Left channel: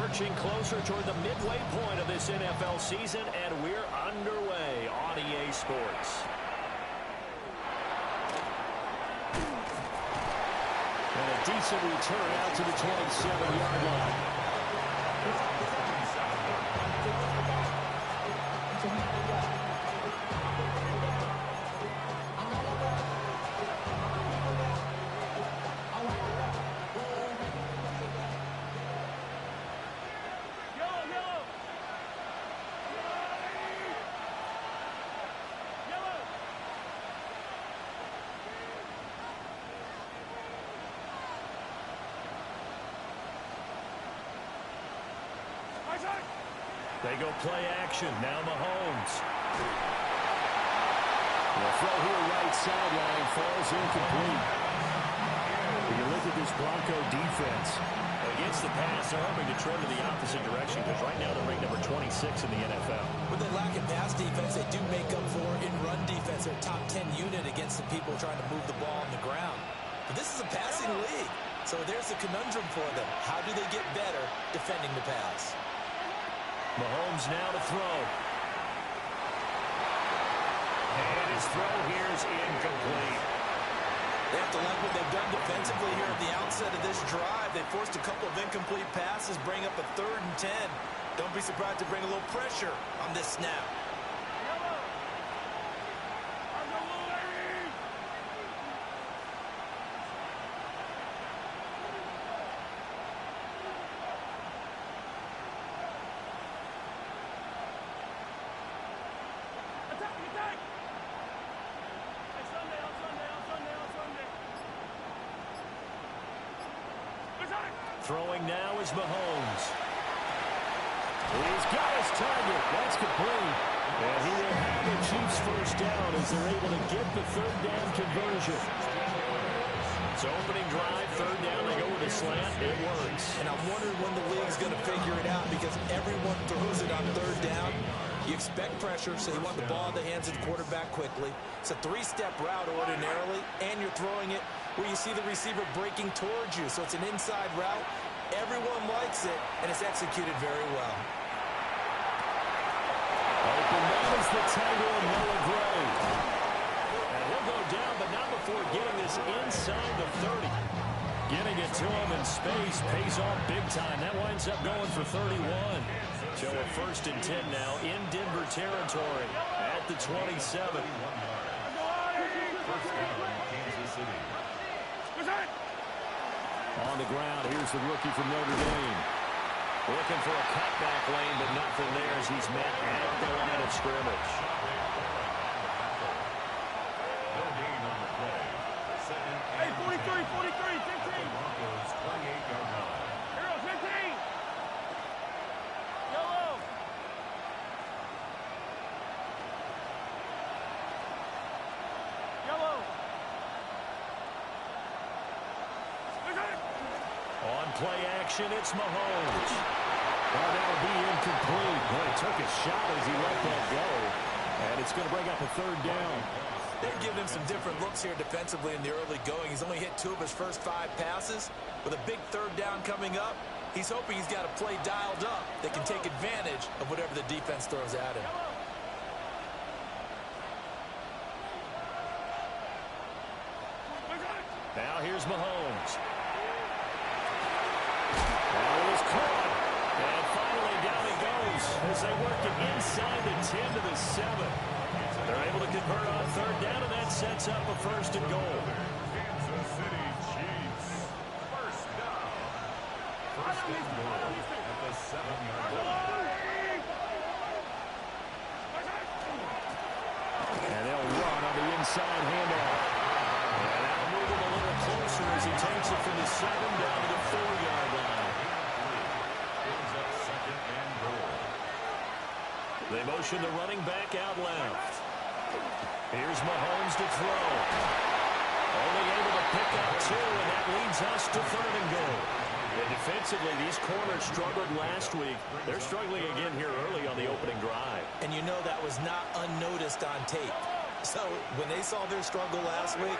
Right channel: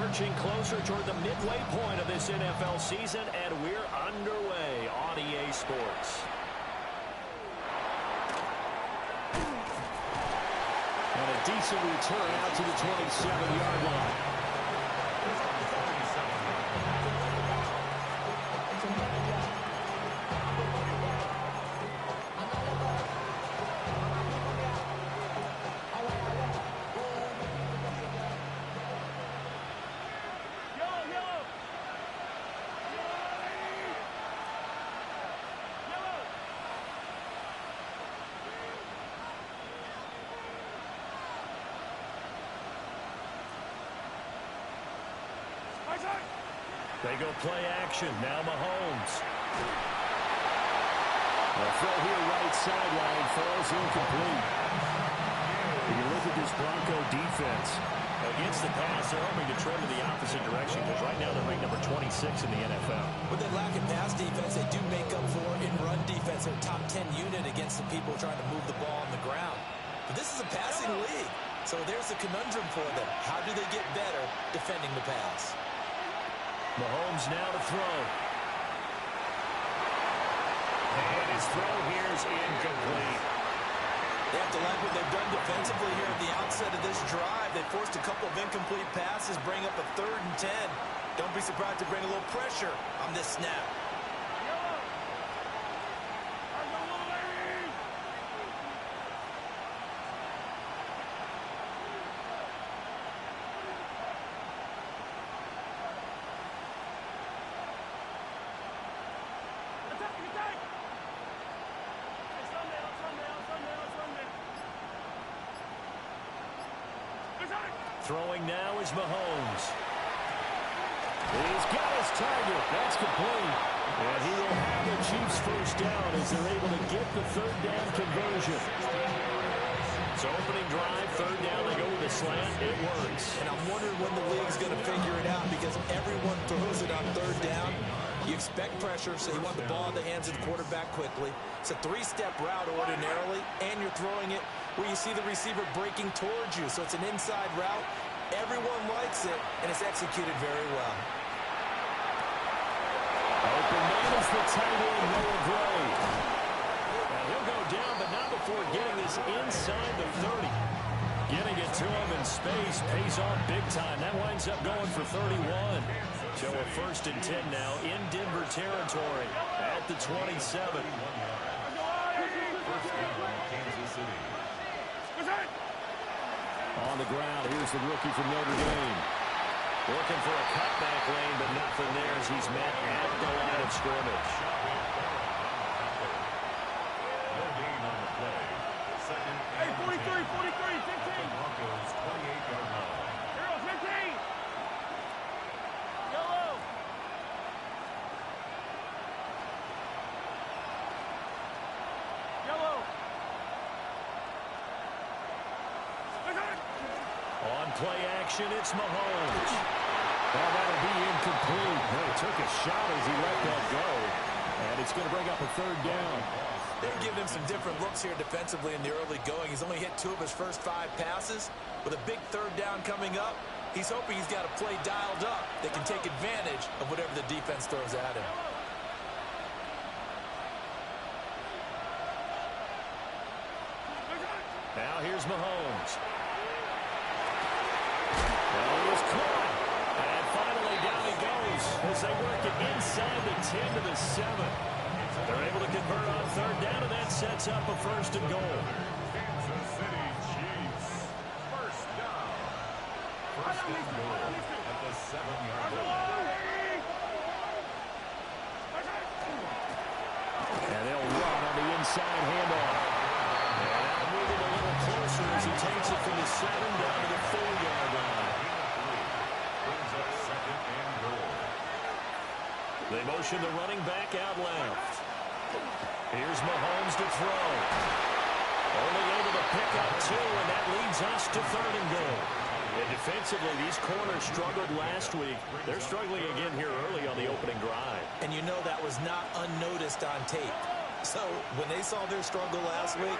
Lurching closer toward the midway point of this NFL season, and we're underway on EA Sports. And a decent return out to the 27-yard line. They go play action. Now Mahomes. The throw here right sideline falls incomplete. You look at this Bronco defense. Against the pass, they're hoping to trend in the opposite direction because right now they're ranked number 26 in the NFL. With that lack of pass defense, they do make up for in run defense. They're top 10 unit against the people trying to move the ball on the ground. But this is a passing league. So there's the conundrum for them. How do they get better defending the pass? Mahomes now to throw. And his throw here is incomplete. They have to like what they've done defensively here at the outset of this drive. They forced a couple of incomplete passes, bring up a 3rd and 10. Don't be surprised to bring a little pressure on this snap. Throwing now is Mahomes. He's got his target. That's complete. And he will have the Chiefs first down as they're able to get the 3rd down conversion. So opening drive, 3rd down, they go with a slant. It works. And I'm wondering when the league's going to figure it out because everyone throws it on 3rd down. You expect pressure, so you want the ball in the hands of the quarterback quickly. It's a 3-step route ordinarily, and you're throwing it where you see the receiver breaking towards you. So it's an inside route. Everyone likes it, and it's executed very well. Open man is the tight end, Noah Gray. And he'll go down, but not before getting this inside the 30. Getting it to him in space pays off big time. That winds up going for 31. So a 1st and 10 now in Denver territory at the 27. On the ground, here's the rookie from Notre Dame. Looking for a cutback lane, but nothing there as he's met at the line of scrimmage. Hey, 43, 15. Broncos 28-yard line. Hero, 15. Yellow. On play action, it's Mahomes. Well, that'll be incomplete. Well, he took a shot as he let that go. And it's going to bring up a 3rd down. They're giving him some different looks here defensively in the early going. He's only hit 2 of his first 5 passes. With a big 3rd down coming up, he's hoping he's got a play dialed up that can take advantage of whatever the defense throws at him. Now here's Mahomes. Now he is caught. And finally down he goes as they work it inside the 10 to the 7. They're able to convert on 3rd down, and that sets up a 1st and goal. Kansas City Chiefs. First down. 1st and goal at the 7-yard line. And they'll run on the inside handoff. And that'll move him a little closer as he takes it from the 7 down to the 4-yard line. Brings up 2nd and goal. They motion the running back out left. Here's Mahomes to throw. Only able to pick up 2, and that leads us to 3rd and goal. And defensively, these corners struggled last week. They're struggling again here early on the opening drive. And you know that was not unnoticed on tape. So when they saw their struggle last week,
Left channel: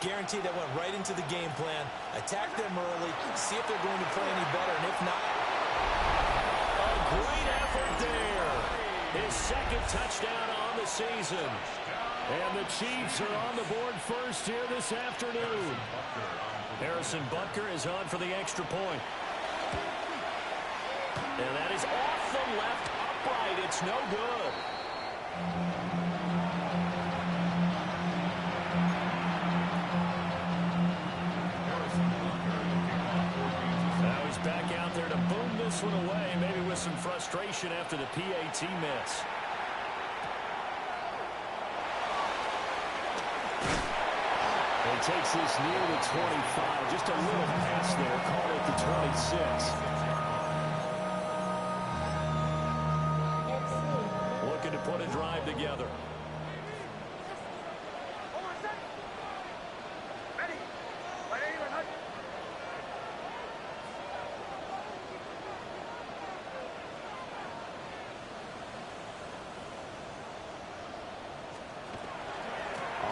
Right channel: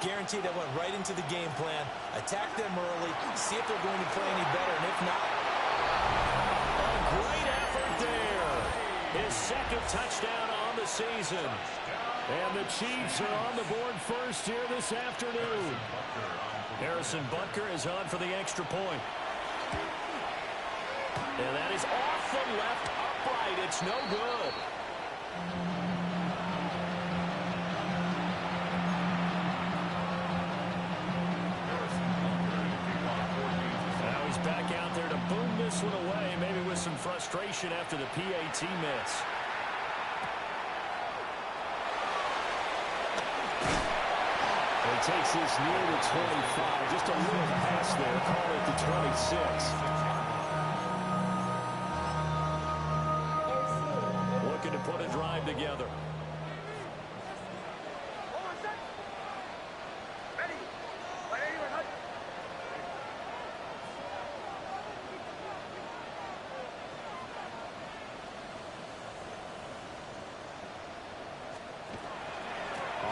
guaranteed that went right into the game plan. Attack them early, see if they're going to play any better, and if not, His second touchdown on the season. And the Chiefs are on the board first here this afternoon. Harrison Butker is on for the extra point. And that is off the left upright. It's no good. Now he's back out there to boom this one away, maybe with some frustration after the PAT miss. He takes this near the 25. Just a little pass there. Call it the 26. Looking to put a drive together.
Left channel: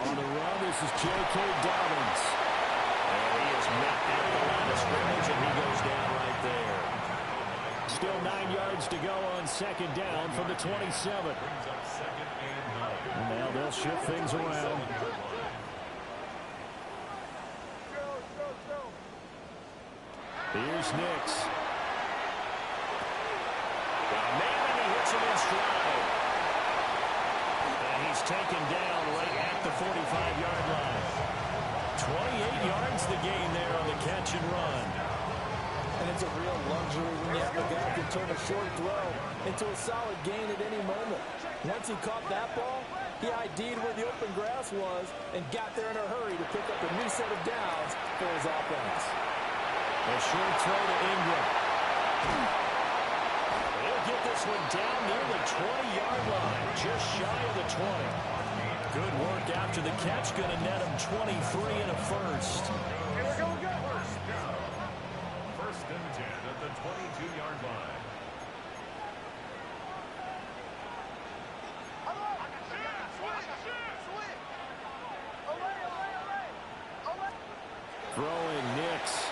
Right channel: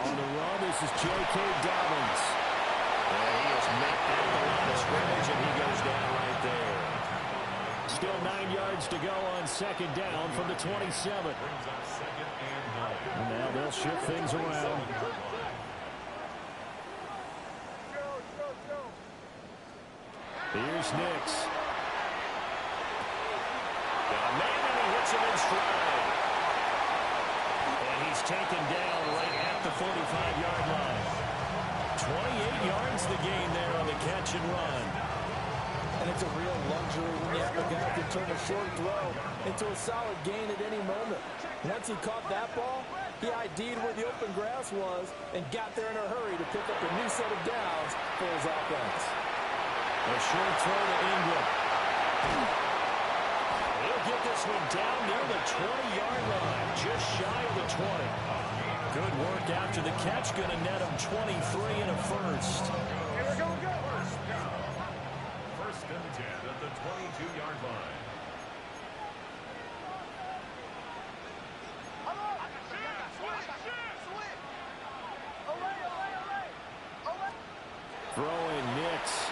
On the run, this is J.K. Dobbins. And he is met at the line of scrimmage, and he goes down right there. Still 9 yards to go on second down from the 27. And now they'll shift things around. Here's Nix. Got a man, and he hits him in stride. And he's taken down right at the 45-yard line. 28 yards the gain there on the catch and run. And it's a real luxury when you have a guy who can turn a short throw into a solid gain at any moment. Once he caught that ball, he ID'd where the open grass was and got there in a hurry to pick up a new set of downs for his offense. A short throw to Ingram. He'll get this one down near the 20-yard line, just shy of the 20. Good work after the catch, going to net him 23 and a first. Here we go, First down. First and 10 at the 22-yard line. Throwing Nix.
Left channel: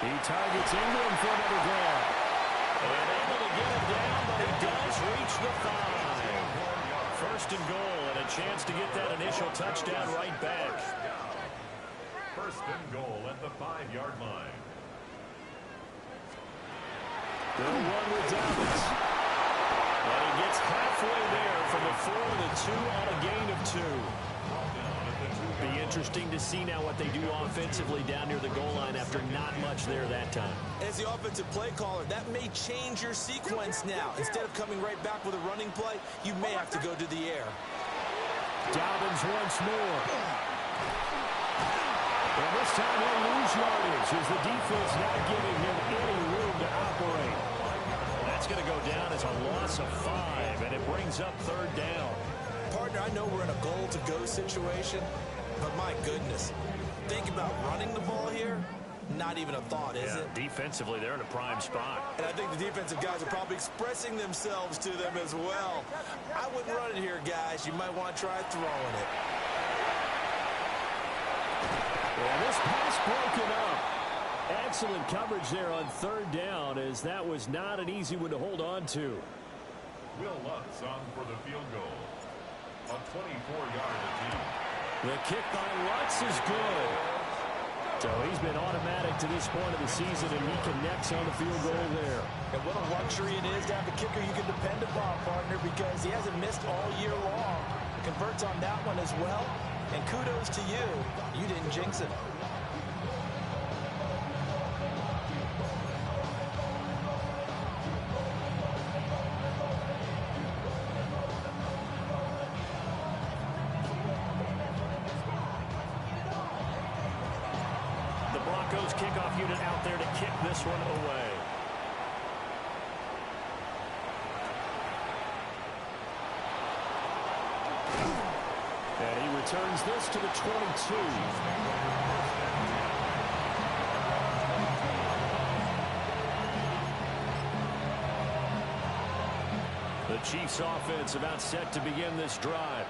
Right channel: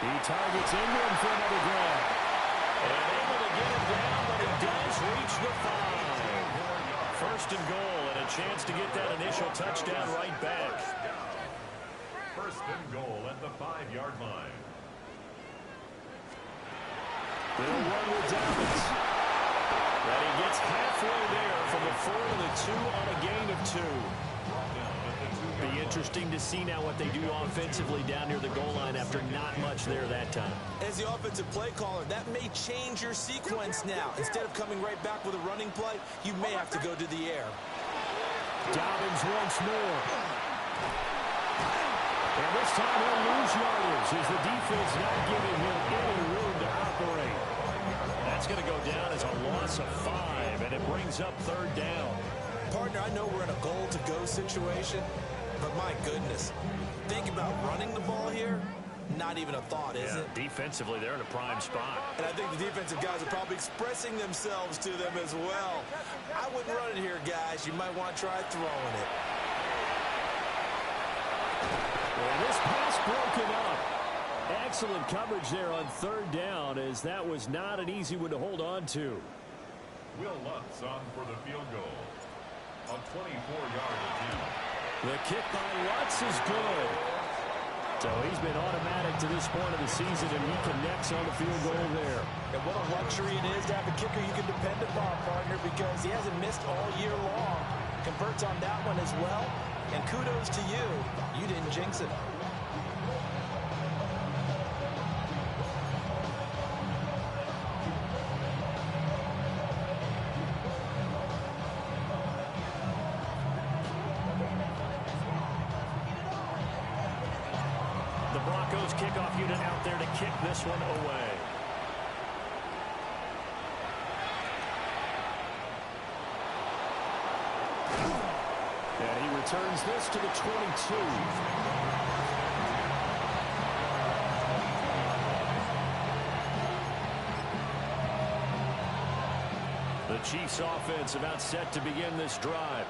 He targets Ingram for another grab. And able to get him down, but he does reach the 5. First and goal, and a chance to get that initial touchdown right back. First and goal at the 5-yard line. They'll run with Dobbins. And he gets halfway there from the 4 to the 2 on a gain of 2. Be interesting to see now what they do offensively down near the goal line after not much there that time. As the offensive play caller, that may change your sequence now. Instead of coming right back with a running play, you may have to go to the air. Dobbins once more. And this time he'll lose yardage as the defense not giving him any room to operate. That's going to go down as a loss of 5, and it brings up third down. Partner, I know we're in a goal-to-go situation, but my goodness, think about running the ball here. Not even a thought, is it? Defensively, they're in a prime spot. And I think the defensive guys are probably expressing themselves to them as well. I wouldn't run it here, guys. You might want to try throwing it. And this pass broken up. Excellent coverage there on third down, as that was not an easy one to hold on to. Will Lutz on for the field goal. A 24-yard attempt. The kick by Lutz is good. So he's been automatic to this point of the season, and he connects on the field goal there. And what a luxury it is to have a kicker you can depend upon, partner, because he hasn't missed all year long. Converts on that one as well. And kudos to you. You didn't jinx it. The Broncos kickoff unit out there to kick this one away. And he returns this to the 22. The Chiefs offense about set to begin this drive.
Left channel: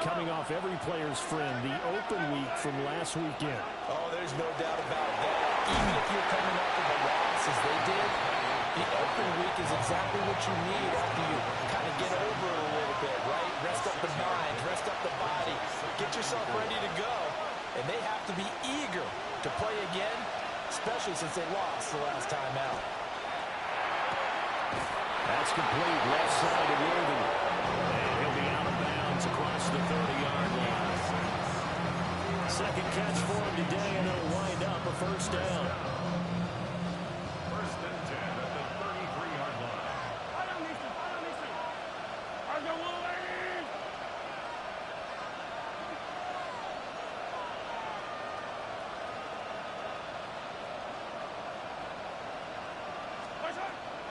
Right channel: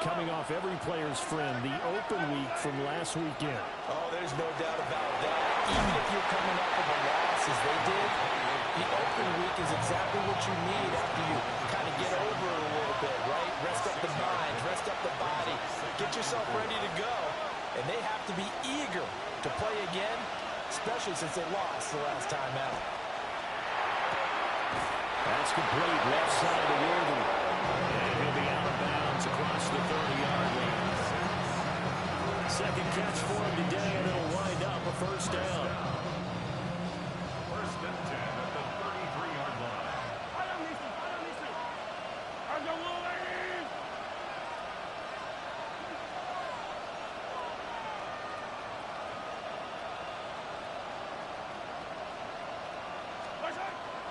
Coming off every player's friend, the open week from last weekend. Oh, there's no doubt about that. even if you're coming up with a loss as they did, the open week is exactly what you need after you kind of get over it a little bit, right? Rest up the mind, rest up the body, get yourself ready to go. And they have to be eager to play again, especially since they lost the last time out. That's complete, left side to Worthy. And he'll be out of bounds across the 30-yard line. Second catch for him today, and it'll wind up a first down. First and 10 at the 33-yard line.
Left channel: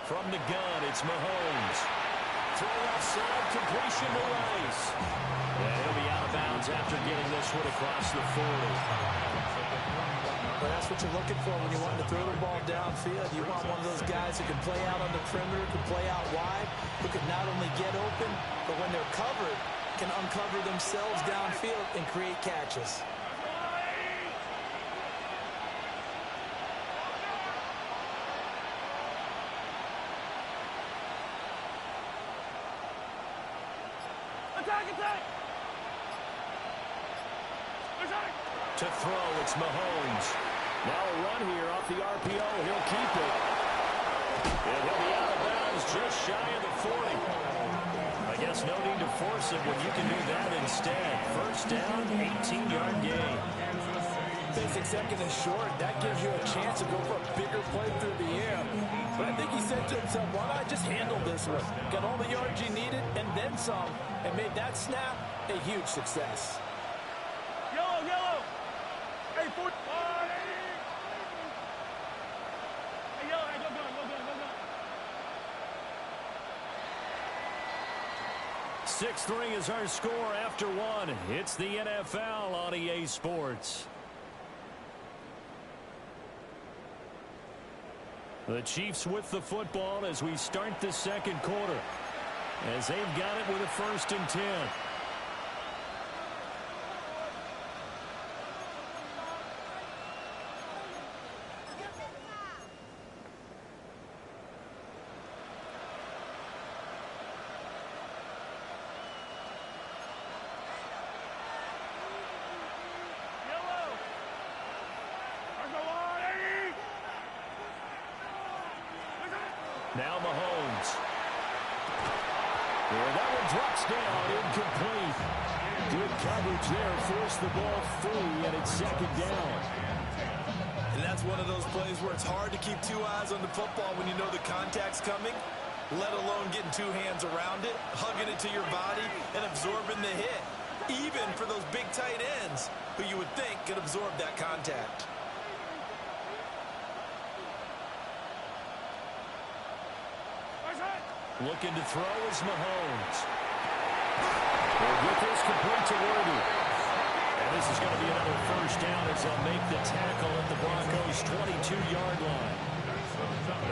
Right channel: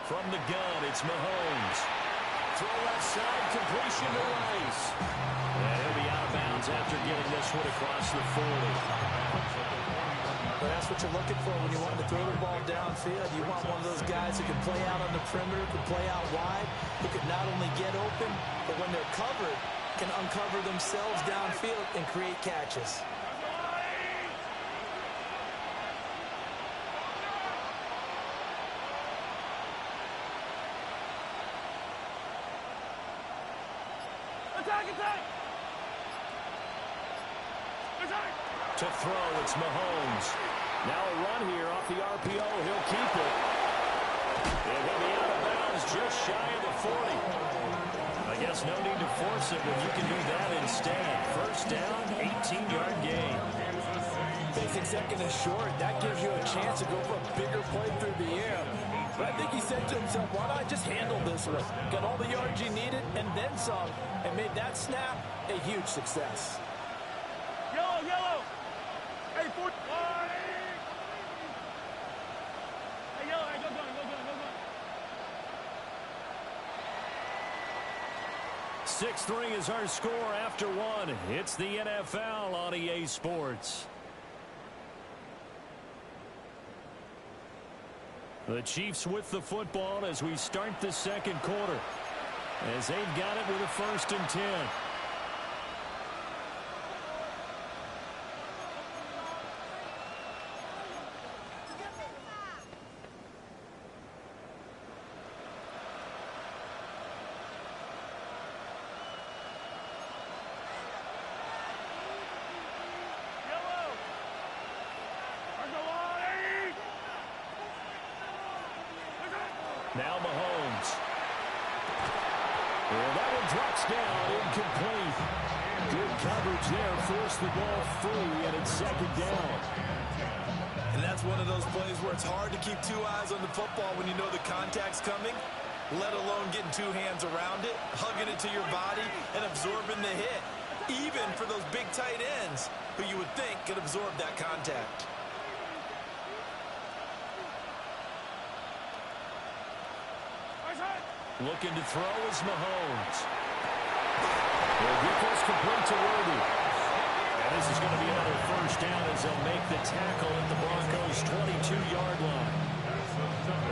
From the gun, it's Mahomes. Throw left side, completion to Rice. And he'll be out of bounds after getting this one across the 40. But that's what you're looking for when you want to throw the ball downfield. You want one of those guys who can play out on the perimeter, can play out wide, who can not only get open, but when they're covered, can uncover themselves downfield and create catches. To throw, it's Mahomes. Now a run here off the RPO. He'll keep it. And he'll be out of bounds just shy of the 40. I guess no need to force it when you can do that instead. First down, 18-yard gain. Basic second and short. That gives you a chance to go for a bigger play through the air. But I think he said to himself, why not just handle this one? Got all the yards you needed and then some, and made that snap a huge success. Yellow, yellow. Hey, 40. Hey, yellow, hey, go gun. 6-3 is our score after one. It's the NFL on EA Sports. The Chiefs with the football as we start the second quarter, as they've got it with a 1st and 10. Now Mahomes. And that one drops down, incomplete. Good coverage there, forced the ball free, and it's 2nd down. And that's one of those plays where it's hard to keep two eyes on the football when you know the contact's coming, let alone getting two hands around it, hugging it to your body, and absorbing the hit. Even for those big tight ends who you would think could absorb that contact. Looking to throw is Mahomes. He'll get this complete to Worthy. And this is going to be another first down as they'll make the tackle at the Broncos' 22-yard line.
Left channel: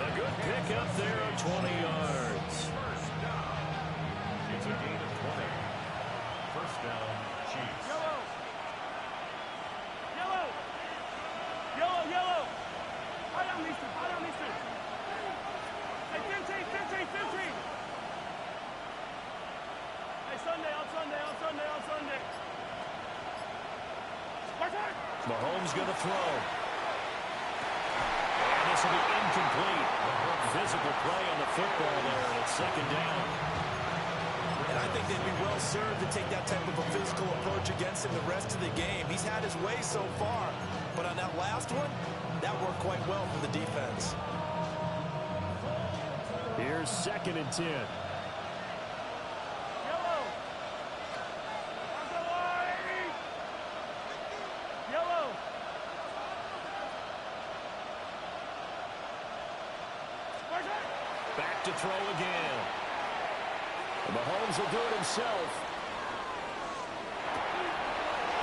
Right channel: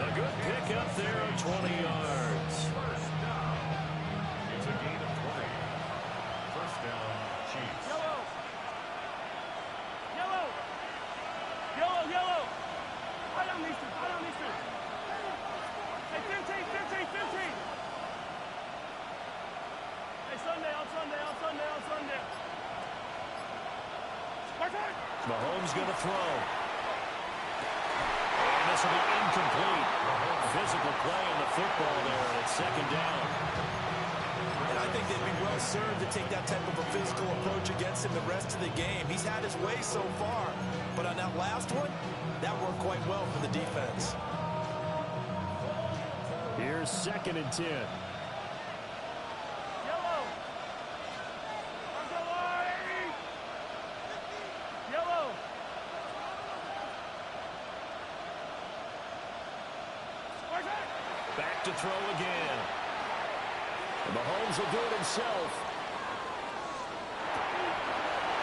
A good pick up there of 20 yards. First down. It's a gain of 20. First down, Chiefs. Yellow. Yellow. Yellow, yellow. Right on, mister. Right on, mister. Hey, 15. Hey, Sunday, on Sunday. Mahomes going to throw. And this will be incomplete. Physical play on the football there, and it's 2nd down. And I think they'd be well served to take that type of a physical approach against him the rest of the game. He's had his way so far, but on that last one, that worked quite well for the defense. Here's 2nd and 10. Yellow. Yellow. Back to throw again. And Mahomes will do it himself.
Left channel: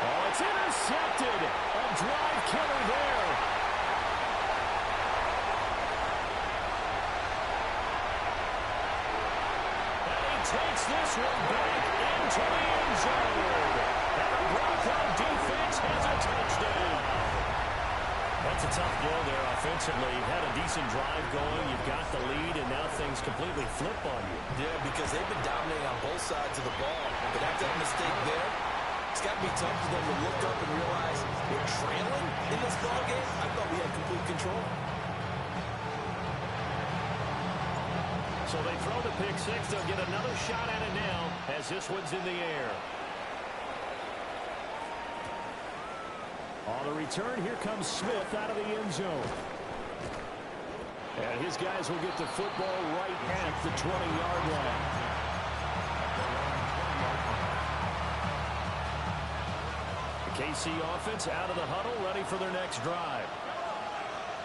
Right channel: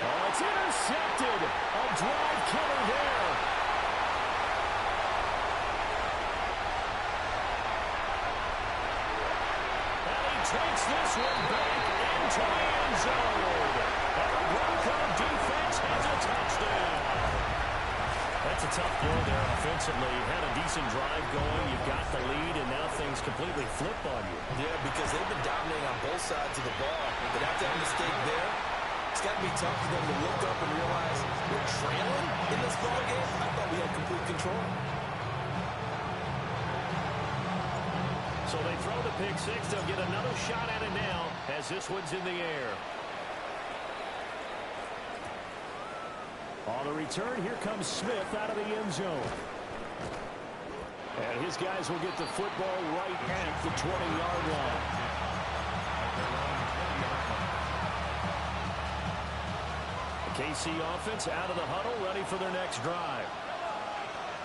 Oh, it's intercepted. A drive killer there. And he takes this one back into the end zone. And the Bronco defense has a touchdown. That's a tough blow there offensively. You had a decent drive going. You've got the lead, and now things completely flip on you. Yeah, because they've been dominating on both sides of the ball. But after that mistake there, it's got to be tough for them to look up and realize we're trailing in this ball game. I thought we had complete control. So they throw the pick six. They'll get another shot at it now as this one's in the air. On the return, here comes Smith out of the end zone. And his guys will get the football right at the 20-yard line. The KC offense out of the huddle, ready for their next drive.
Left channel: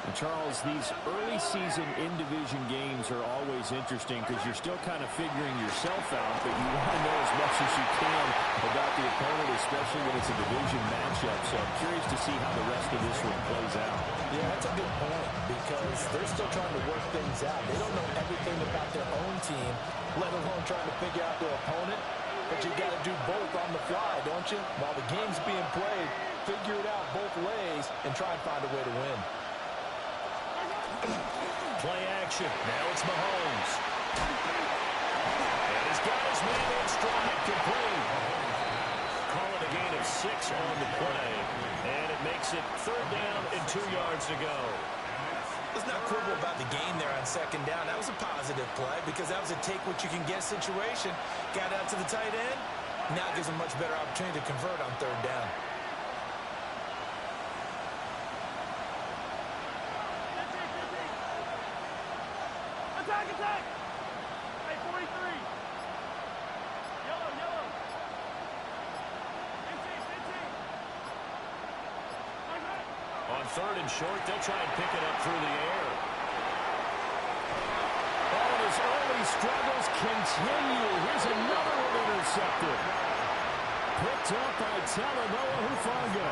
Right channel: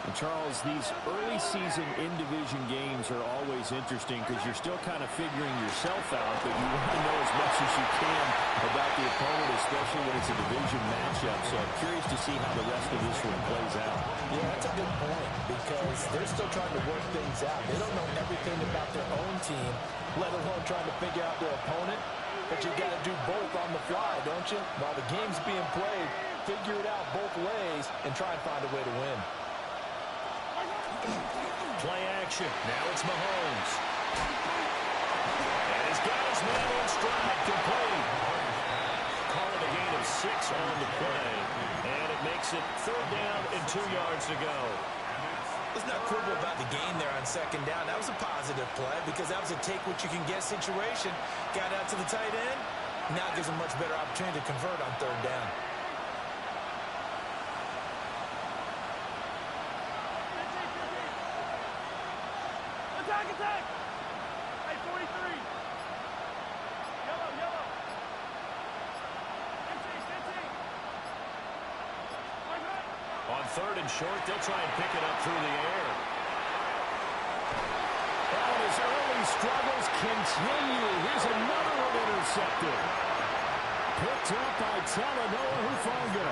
And Charles, these early season in-division games are always interesting because you're still kind of figuring yourself out, but you want to know as much as you can about the opponent, especially when it's a division matchup. So I'm curious to see how the rest of this one plays out. Yeah, that's a good point because they're still trying to work things out. They don't know everything about their own team, let alone trying to figure out their opponent. But you got to do both on the fly, don't you? While the game's being played, figure it out both ways and try and find a way to win. Play action. Now it's Mahomes. And he's got his man in stride, complete. Call it a gain of 6 on the play. And it makes it 3rd down and 2 yards to go. Let's not quibble about the gain there on 2nd down. That was a positive play because that was a take-what-you-can-get situation. Got out to the tight end. Now it gives a much better opportunity to convert on 3rd down. Attack! Hey, 43. Yellow. On 3rd and short, they'll try and pick it up through the air. Oh, his early struggles continue. Here's another one intercepted. Picked up by Talanoa Hufanga.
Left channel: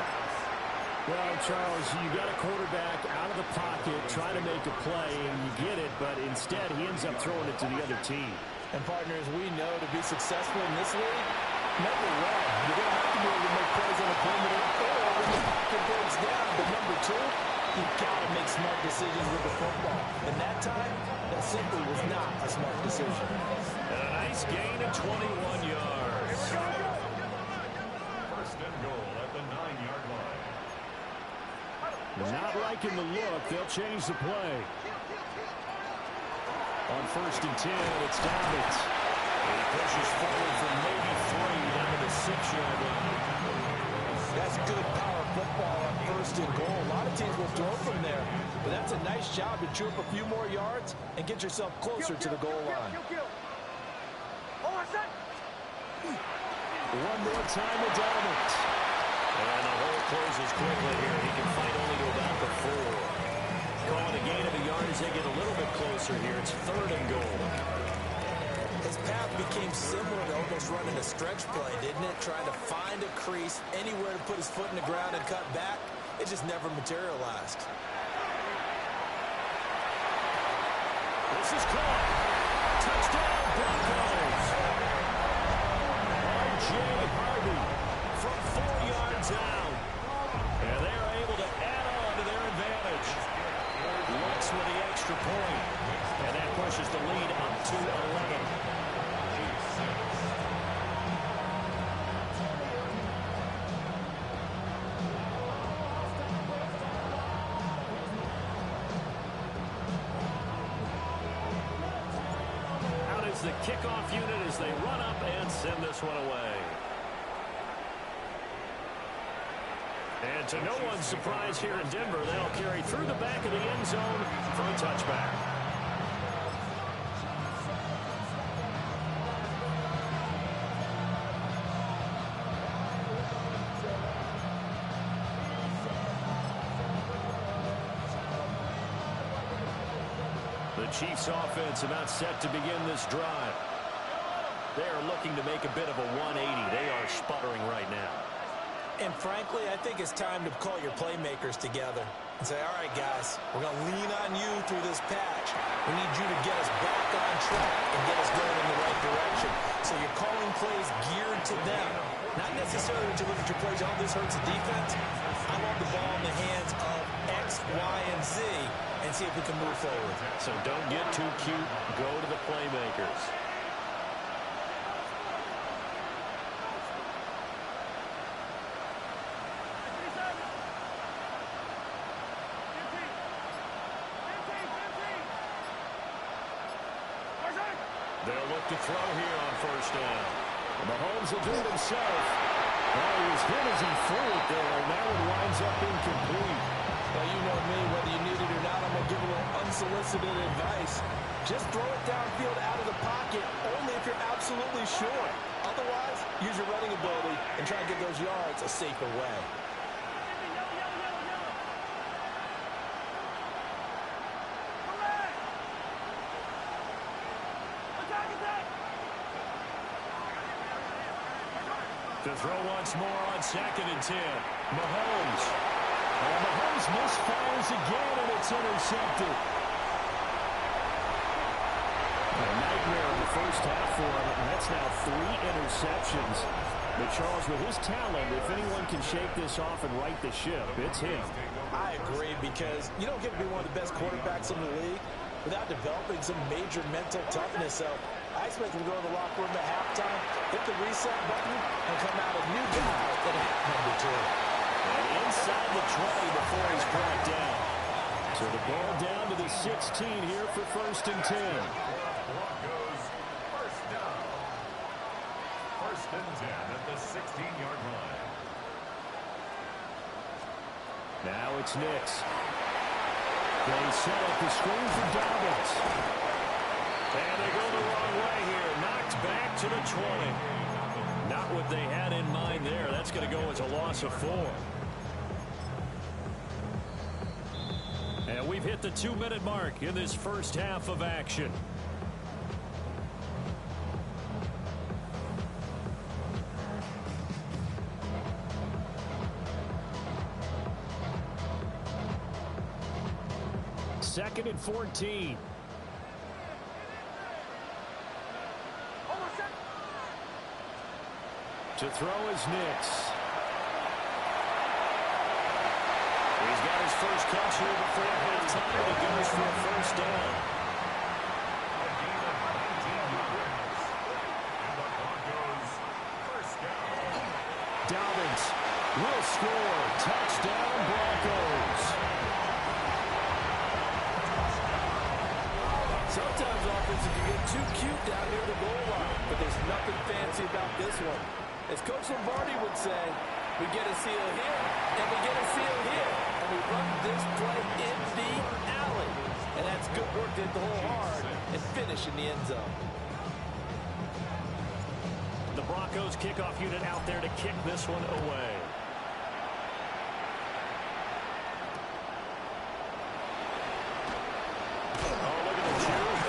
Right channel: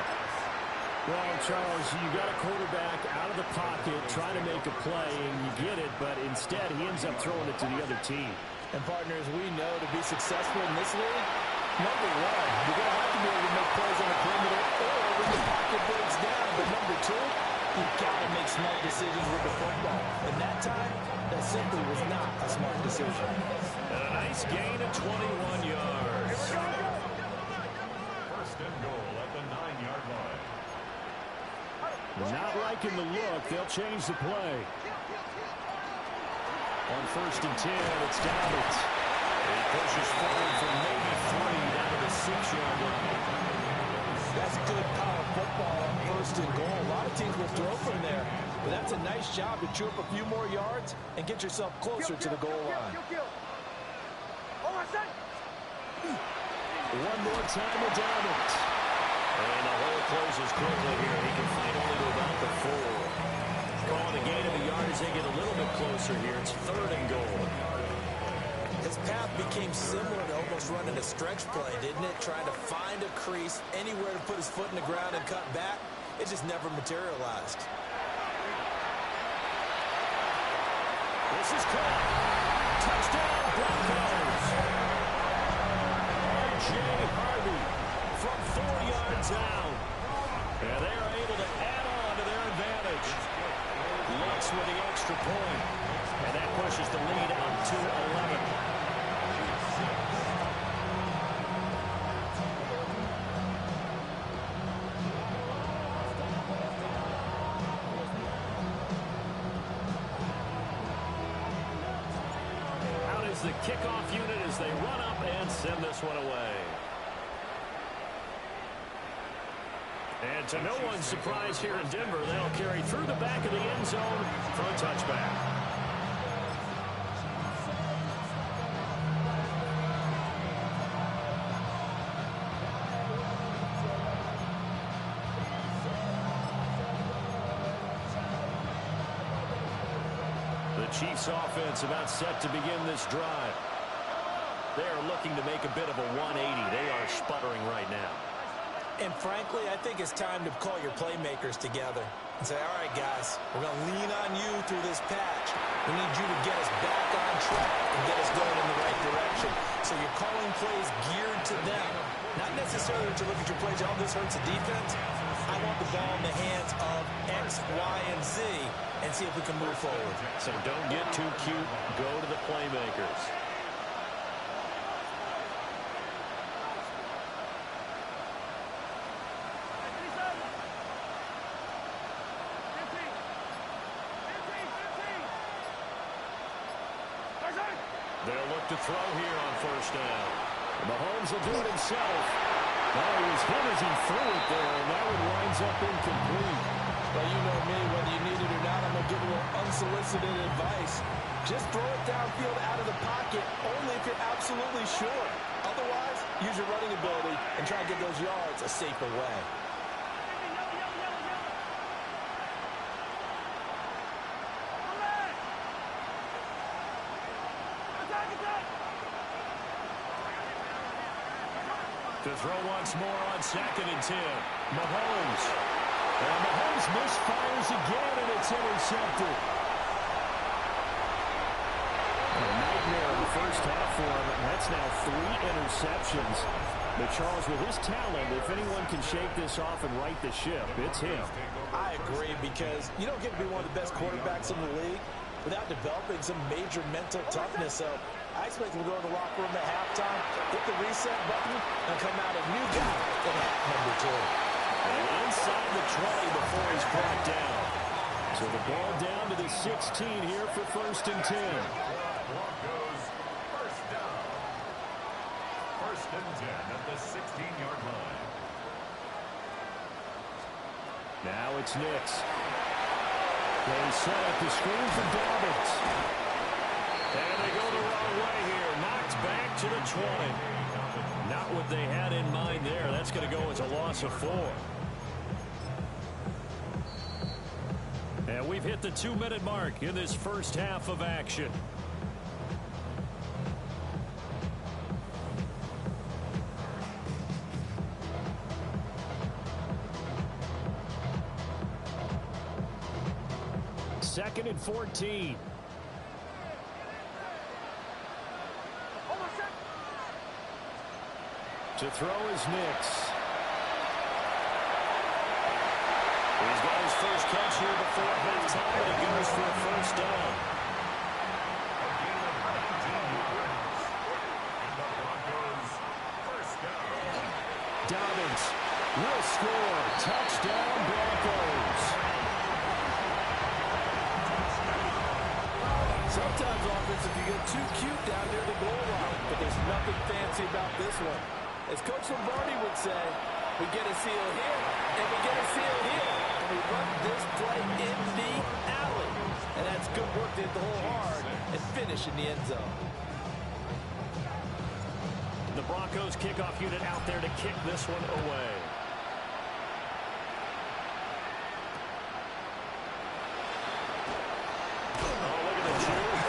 Well, Charles, you got a quarterback out of the pocket trying to make a play, and you get it, but instead he ends up throwing it to the other team. And partners, we know to be successful in this league, number one, you're going to have to be able to make plays on the perimeter or when the pocket breaks down. But number two, you've got to make smart decisions with the football. And that time, that simply was not a smart decision. And a nice gain of 21 yards. 1st and goal at the 9-yard line. Not liking the look. They'll change the play. On 1st and 10, it's Dobbins. He pushes forward from maybe 3 down to the 6-yard line. That's good power football on 1st and goal. A lot of teams will throw from there, but that's a nice job to chew up a few more yards and get yourself closer to the goal line. One more time with Dobbins. And the hole closes quickly here. He can fight only to about the 4. Calling a gain of a yard as they get a little bit closer here. It's 3rd and goal. His path became similar to almost running a stretch play, didn't it? Trying to find a crease, anywhere to put his foot in the ground and cut back. It just never materialized. This is caught. Touchdown, Broncos. R.J. Harvey from 4 yards out. And they are able to add on to their advantage. Lutz with the extra point. And that pushes the lead up to 11. Out is the kickoff unit as they run up and send this one away. And to no one's surprise here in Denver, they'll carry through the back of the end zone for a touchback. The Chiefs offense about set to begin this drive. They are looking to make a bit of a 180. They are sputtering right now. And frankly, I think it's time to call your playmakers together and say, all right, guys, we're going to lean on you through this patch. We need you to get us back on track and get us going in the right direction. So you're calling plays geared to them. Not necessarily that you look at your plays, oh, this hurts the defense. I want the ball in the hands of X, Y, and Z and see if we can move forward. So don't get too cute. Go to the playmakers. They'll look to throw here on first down. Mahomes will do it himself. Oh, he was hit as he threw it there, and that one winds up incomplete. Well, you know me, whether you need it or not, I'm going to give a little unsolicited advice. Just throw it downfield out of the pocket, only if you're absolutely sure. Otherwise, use your running ability and try and get those yards a safer way. To throw once more on 2nd and 10. Mahomes. And Mahomes misfires again, and it's intercepted. A nightmare in the first half for him, and that's now 3 interceptions. But Charles, with his talent, if anyone can shake this off and right the ship, it's him. I agree, because you don't get to be one of the best quarterbacks in the league without developing some major mental toughness. So I expect him to go to the locker room at halftime, hit the reset button, and come out a new guy at half number 2. And inside the 20 before he's brought down. So the ball down to the 16 here for 1st and 10. Broncos first down. 1st and 10 at the 16-yard line. Now it's Knicks. They set up the screen for Dobbins. And they go the wrong way here. Knocked back to the 20. Not what they had in mind there. That's going to go as a loss of 4. And we've hit the 2-minute mark in this first half of action. Second and 14. To throw is Knicks. He's got his first catch here before halftime, and he goes for a first down. A gain of 19 yards. And the Broncos first down. Dobbins will score. Touchdown, Broncos. Sometimes offense can get too cute down near the goal line, but there's nothing fancy about this one. As Coach Lombardi would say, we get a seal here, and we get a seal here, and we run this play in the alley. And that's good work to hit the hole hard and finish in the end zone. The Broncos kickoff unit out there to kick this one away. Oh, look at the juke.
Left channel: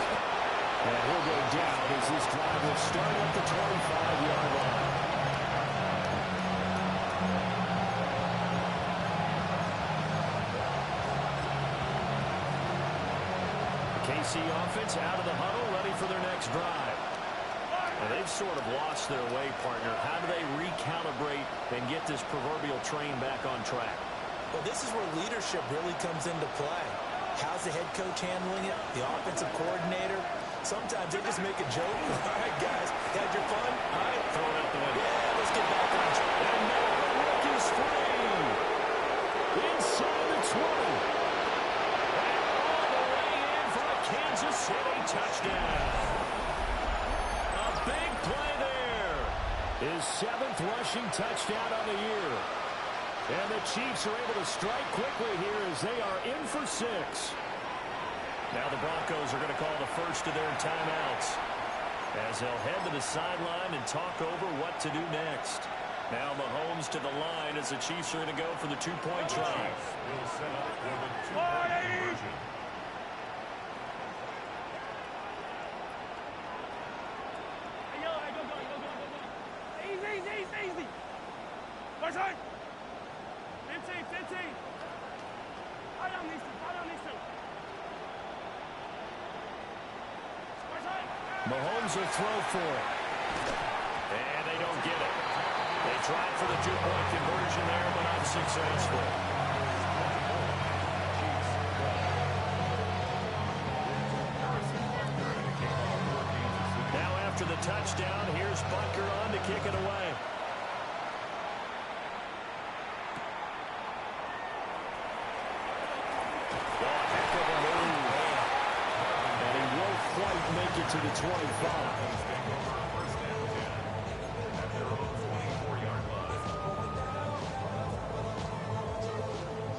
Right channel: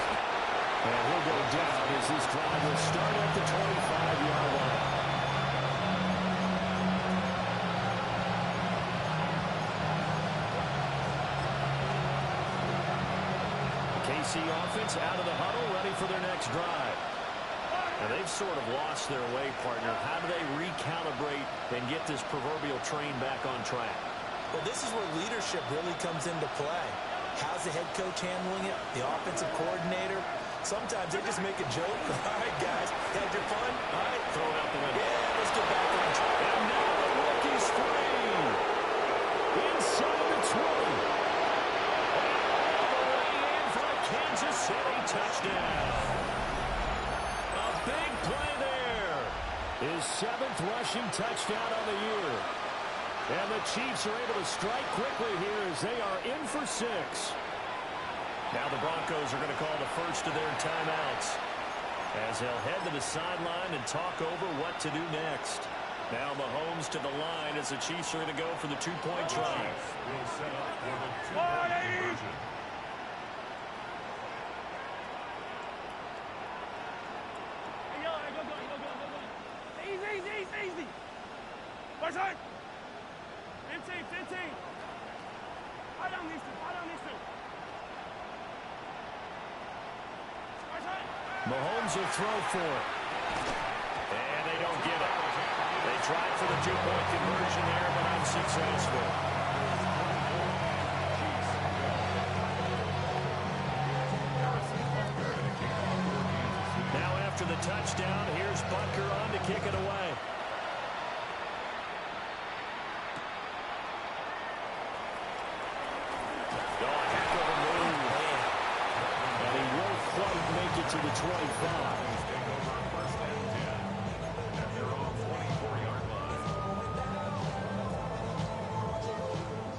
And he'll go down as this drive will start at the 25-yard line. KC offense out of the huddle, ready for their next drive. Now they've sort of lost their way, partner. How do they recalibrate and get this proverbial train back on track? Well, this is where leadership really comes into play. How's the head coach handling it? The offensive coordinator? Sometimes they just make a joke. All right, guys, had your fun? All right, Throw it out the window. yeah, let's get back on track. And now the rookie's free. Inside the 20. And all the way in for a Kansas City touchdown. A big play there. His 7th rushing touchdown on the year. And the Chiefs are able to strike quickly here as they are in for 6. Now the Broncos are going to call the first of their timeouts as they'll head to the sideline and talk over what to do next. Now Mahomes to the line as the Chiefs are going to go for the 2-point try. Will set up for the 2-point conversion. Hey, yo, hey, go. Easy. Watch out. 15. Fall down, Easton. Mahomes will throw for it. And they don't get it. They tried for the two-point conversion there, but unsuccessful. Now after the touchdown, here's Butker on to kick it away. Oh, a heck of a move. And he won't quite make it to the 25.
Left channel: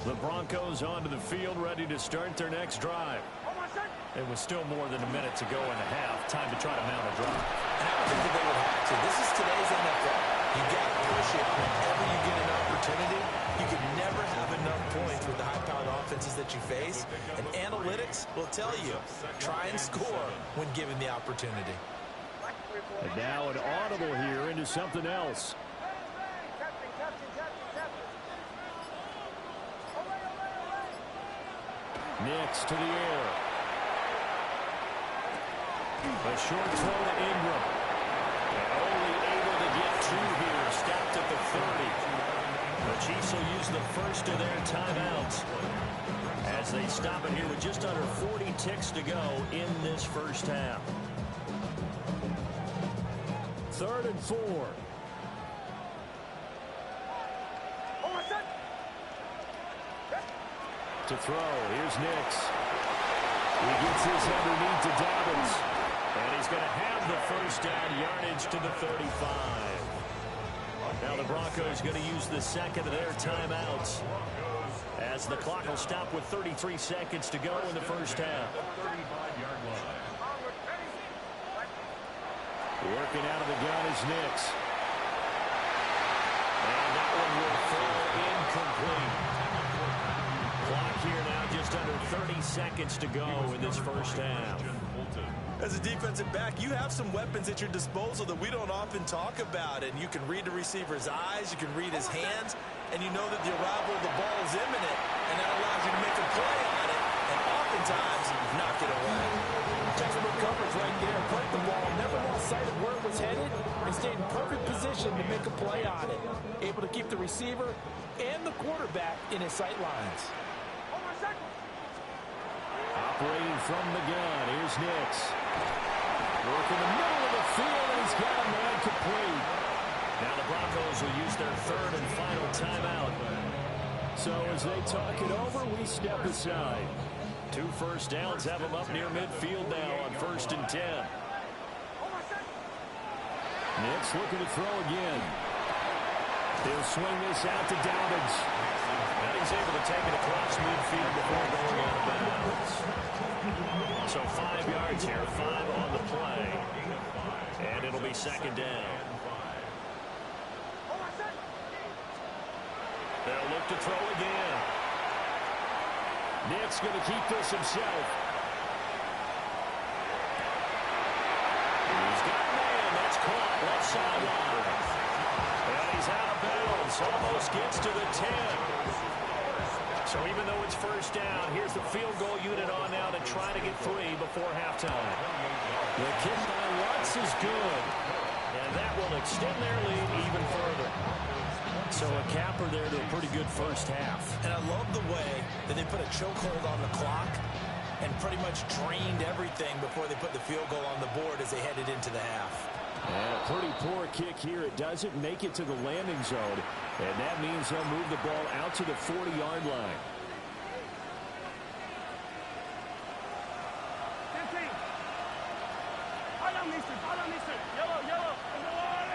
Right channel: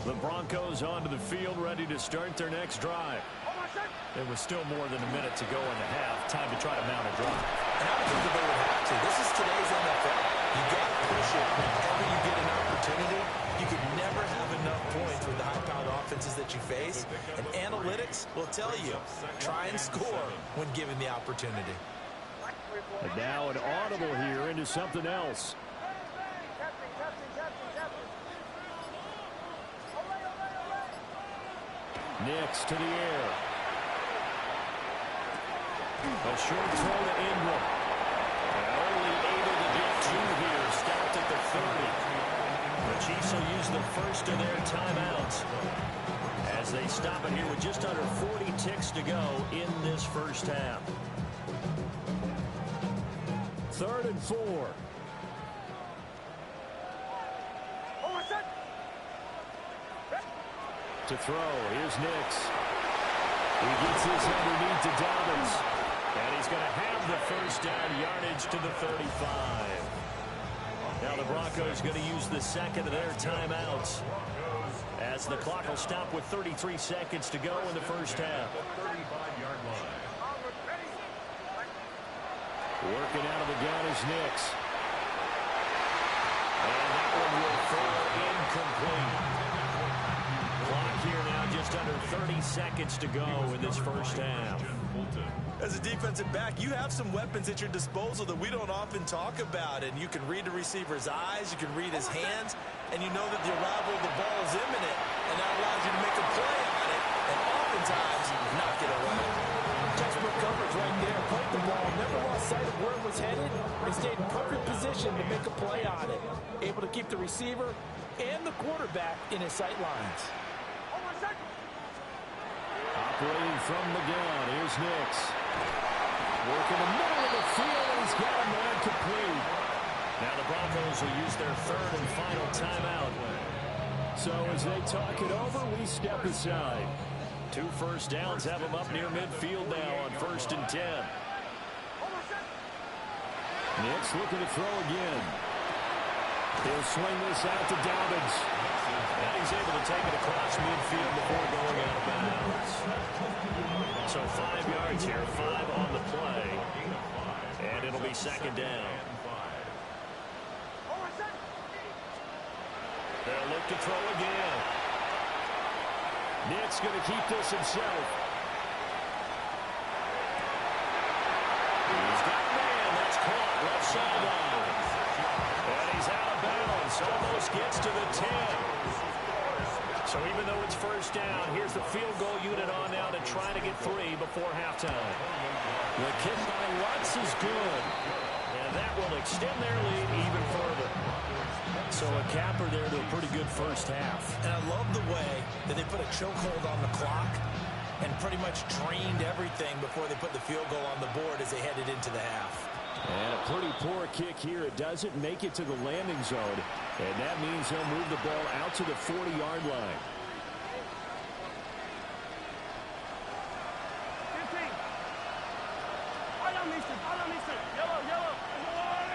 The Broncos onto the field, ready to start their next drive. It was still more than a minute to go in the half. Time to try to mount a drive. And I don't think that they would have to. This is today's NFL. You got to push it whenever you get an opportunity. You can never have enough points with the high-powered offenses that you face. And analytics will tell you, try and score when given the opportunity. And now an audible here into something else. Nix to the air. A short throw to Ingram. And only able to get two here. Stopped at the 30. The Chiefs will use the first of their timeouts as they stop it here with just under 40 ticks to go in this first half. 3rd and 4. To throw, here's Nix. He gets this underneath to Dobbins. And he's going to have the first down, yardage to the 35. Now the Broncos going to use the second of their timeouts as the clock will stop with 33 seconds to go in the first half. Working out of the gun is Nix. And that one will fall incomplete. Clock here now just under 30 seconds to go in this first half. As a defensive back, you have some weapons at your disposal that we don't often talk about. And you can read the receiver's eyes, you can read his hands, and you know that the arrival of the ball is imminent. And that allows you to make a play on it, and oftentimes knock it away. Textbook coverage right there. Played the ball, never lost sight of where it was headed, and stayed in perfect position to make a play on it. Able to keep the receiver and the quarterback in his sight lines. Operating from the gun, here's Nix. Working the middle of the field, and he's got a man complete. Now the Broncos will use their 3rd and final timeout. So as they talk it over, we step aside. 2 first downs have them up near midfield now on 1st and 10. Nix looking to throw again. He'll swing this out to Dobbins. And he's able to take it across midfield before going out of bounds. So 5 yards here, 5 on the play. And it'll be 2nd down. They'll look to throw again. Nix going to keep this himself. He's got a man. That's caught left sideline. And he's out of bounds. Almost gets to the 10. So even though it's first down, here's the field goal unit on now to try to get 3 before halftime. The kick by Lutz is good. And that will extend their lead even further. So a capper there to a pretty good first half. And I love the way that they put a chokehold on the clock and pretty much drained everything before they put the field goal on the board as they headed into the half. And a pretty poor kick here. It doesn't make it to the landing zone. And that means they'll move the ball out to the 40-yard line. 15. Follow Mister. Yellow. Color.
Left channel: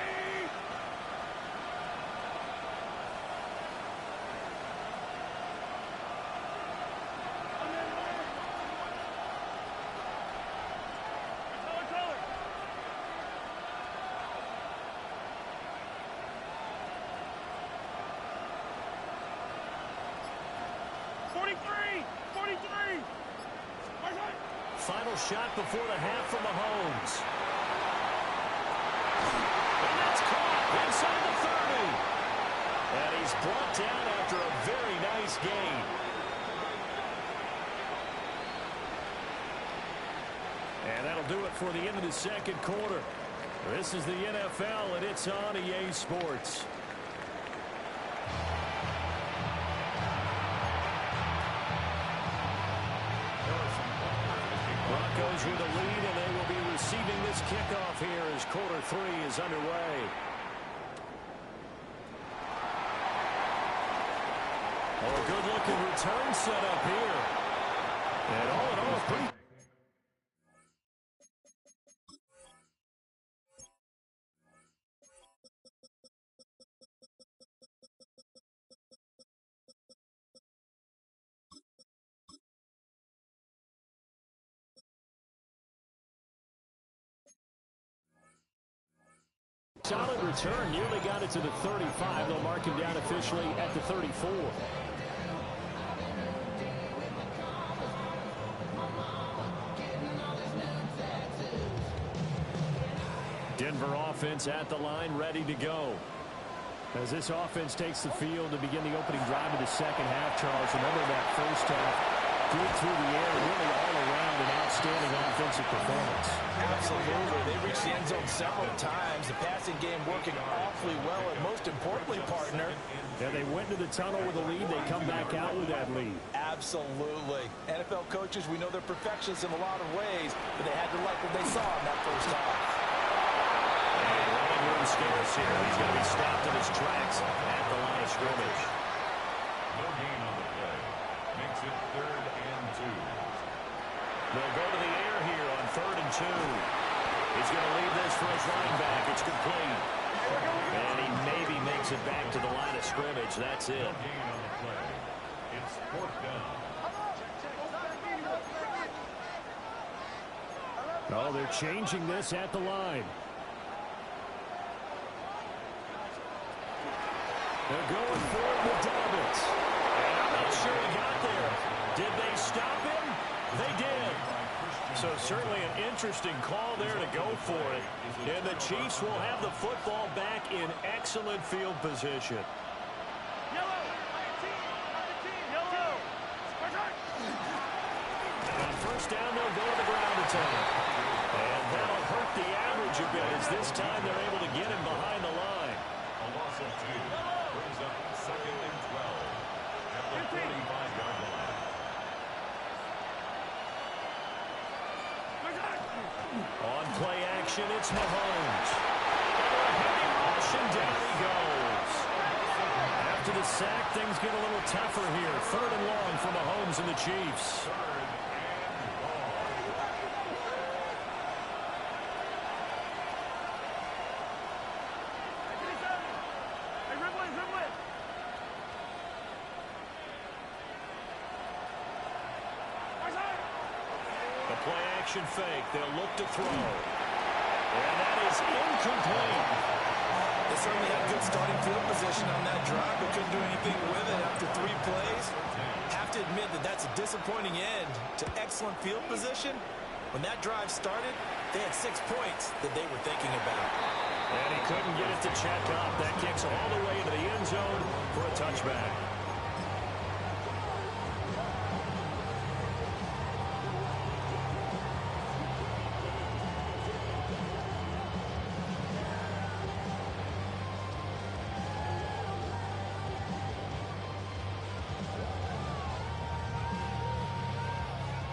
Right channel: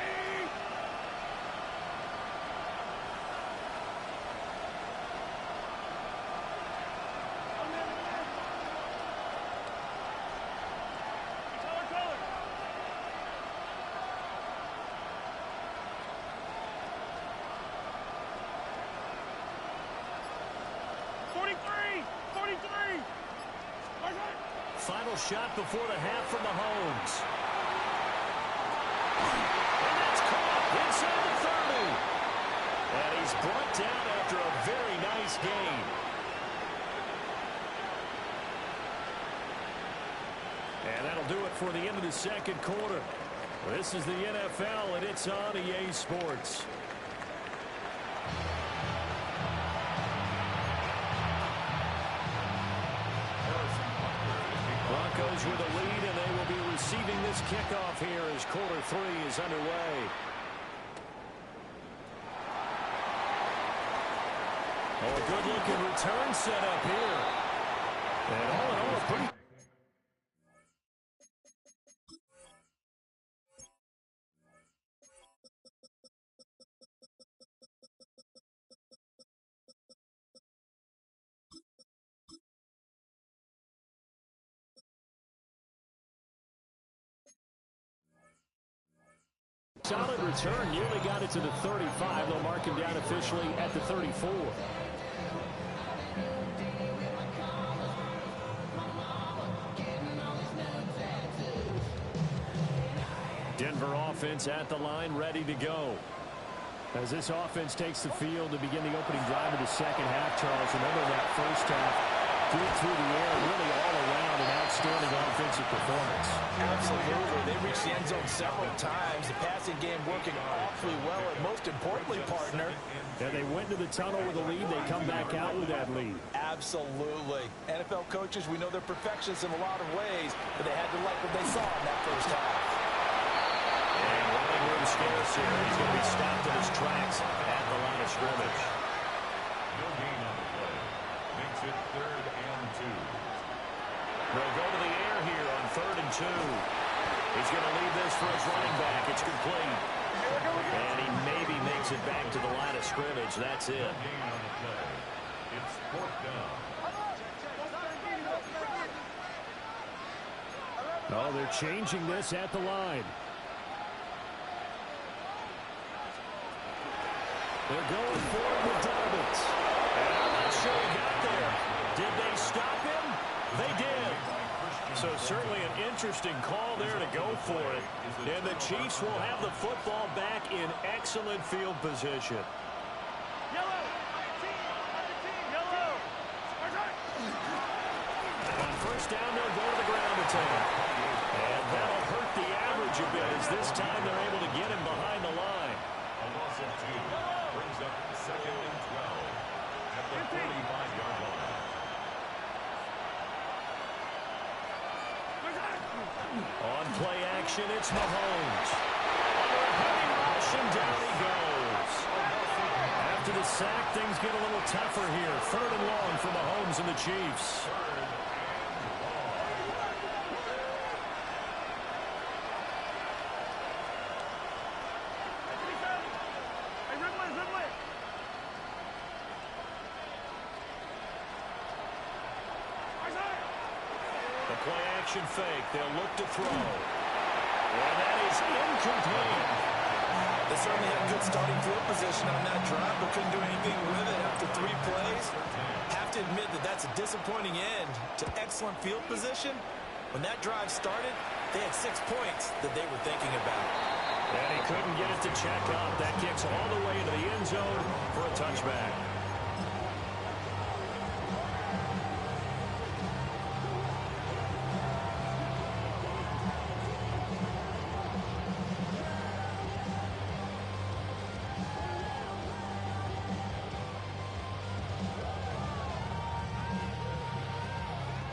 43. Final shot before the half from Mahomes. And that's caught inside the 30. And he's brought down after a very nice gain. And that'll do it for the end of the second quarter. This is the NFL, and it's on EA Sports. Broncos with a lead, and they will be receiving this kickoff here as quarter 3 is underway. Oh, a good-looking return set up here. And all in all, pretty... solid return, nearly got it to the 35. They'll mark him down officially at the 34. Denver offense at the line, ready to go. As this offense takes the field to begin the opening drive of the second half, Charles, remember that first half, good through the air, really all around an outstanding offensive performance. Absolutely. They reached the end zone several times. The passing game working awfully well, and most importantly, partner. Yeah, they went to the tunnel with a lead. They come back out with that lead. Absolutely. NFL coaches, we know they're perfectionists in a lot of ways, but they had to like what they saw in that first half. And running room scarce here. He's going to be stopped in his tracks at the line of scrimmage. No gain on the play. Makes it 3rd and 2. They'll go to the air here on 3rd and 2. He's going to leave this for his running back. It's complete. And he maybe makes it back to the line of scrimmage. That's it. No gain on the play. It's 4th down. Oh, they're changing this at the line. They're going for it with Dobbins. And I'm not sure he got there. Did they stop him? They did. So certainly an interesting call there to go for it. And the Chiefs will have the football back in excellent field position. Yellow! Yellow! On first down, they'll go to the ground attack. And that'll hurt the average a bit as this time they're able to get him behind the line. A loss of 2. Brings up 2nd and 12 at the 45-yard line. On play action, it's Mahomes. Under a heavy rush, and down he goes. After the sack, things get a little tougher here. 3rd and long for Mahomes and the Chiefs. 3rd and long. Hey, Ridley! The play action fake. They'll look to throw. And that is incomplete. They certainly had good starting field position on that drive, but couldn't do anything with it after 3 plays. Have to admit that that's a disappointing end to excellent field position. When that drive started, they had 6 points that they were thinking about. And he couldn't get it to check up. That kicks all the way into the end zone for a touchback.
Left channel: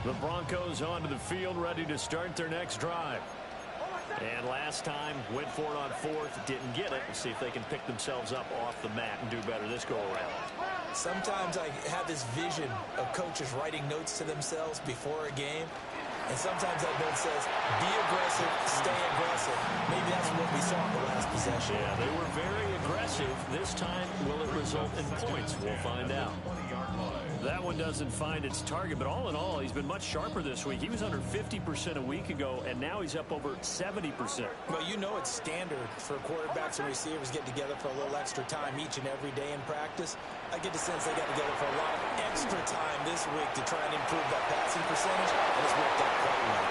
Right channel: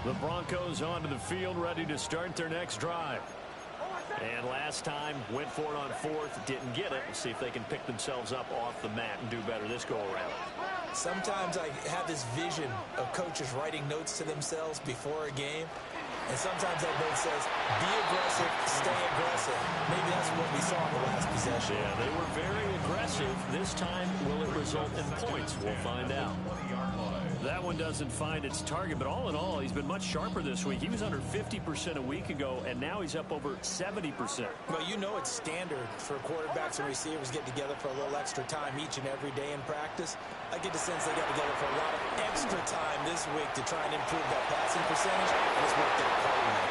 The Broncos onto the field, ready to start their next drive. And last time, went for it on 4th, didn't get it. We'll see if they can pick themselves up off the mat and do better this go-around. Sometimes I have this vision of coaches writing notes to themselves before a game, and sometimes that note says, be aggressive, stay aggressive. Maybe that's what we saw in the last possession. Yeah, they were very aggressive. This time, will it result in points? We'll find out. That one doesn't find its target, but all in all, he's been much sharper this week. He was under 50% a week ago, and now he's up over 70%. Well, you know it's standard for quarterbacks and receivers get together for a little extra time each and every day in practice. I get the sense they got together for a lot of extra time this week to try and improve that passing percentage, and it's worked out quite well.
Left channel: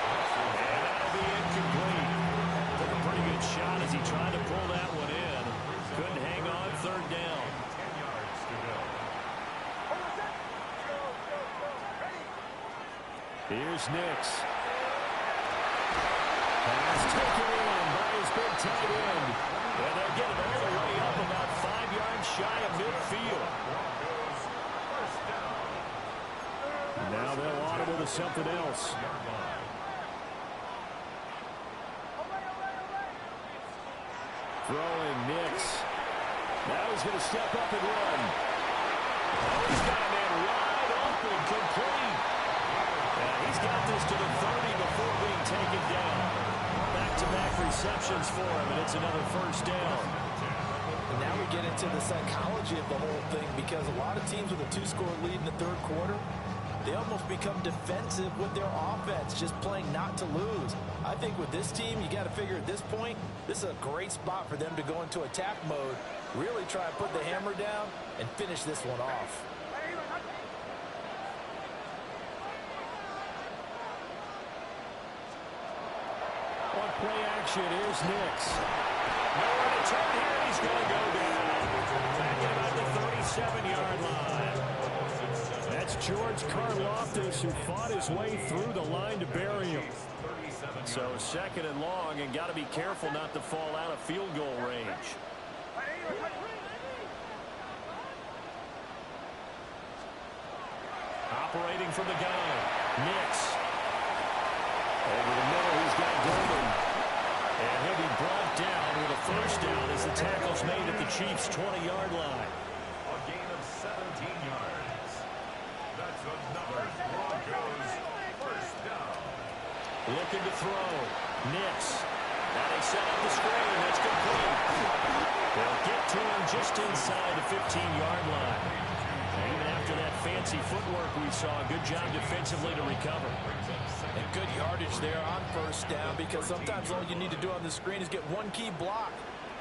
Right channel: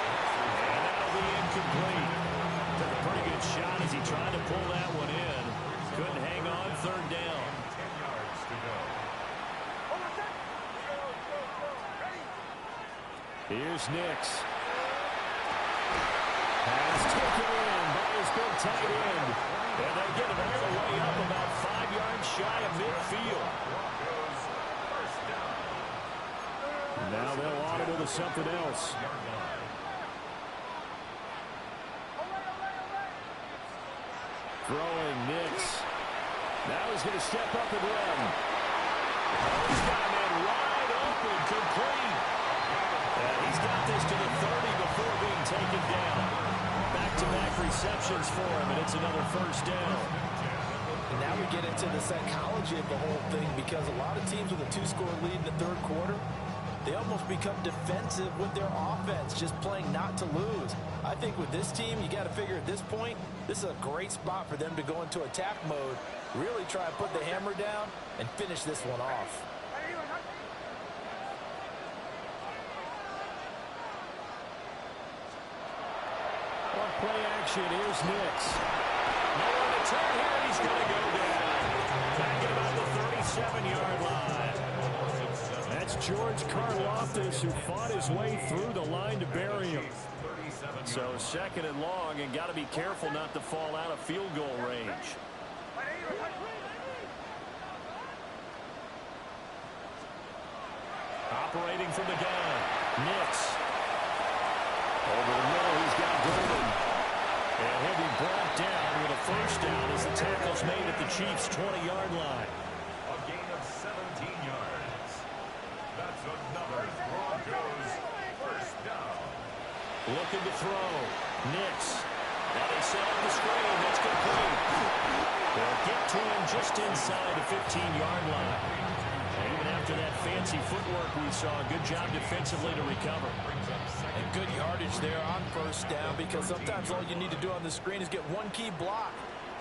And that'll be incomplete. Took a pretty good shot as he tried to pull that one in. Couldn't hang on, 3rd down. 10 yards to go. Here's Nix. Pass taken in by his big tight end. And they get it all the way up about 5 yards shy of midfield. Now they'll audible to something else. Throwing Nix. Now he's going to step up and run. Oh, he's got a man wide open, complete. And he's got this to the 30 before being taken down. Back-to-back receptions for him, and it's another first down. And now we get into the psychology of the whole thing, because a lot of teams with a 2-score lead in the third quarter, they almost become defensive with their offense, just playing not to lose. I think with this team, you got to figure at this point, this is a great spot for them to go into attack mode, really try and put the hammer down and finish this one off. On play action, here's Nix. Nowhere to turn here, he's going to go down. Back at about the 37-yard line. That's George Karlaftis, who fought his way through the line to bury him. So second and long, and got to be careful not to fall out of field goal range. Operating from the gun, Nix. Over the middle, he's got Golden. And he'll be brought down with a first down as the tackle's made at the Chiefs' 20-yard line. A gain of 17 yards. That's another Broncos first down. Looking to throw. Nix. Now they set up the screen. That's complete. They'll get to him just inside the 15-yard line. And even after that fancy footwork we saw, good job defensively to recover. And good yardage there on first down, because sometimes all you need to do on the screen is get one key block.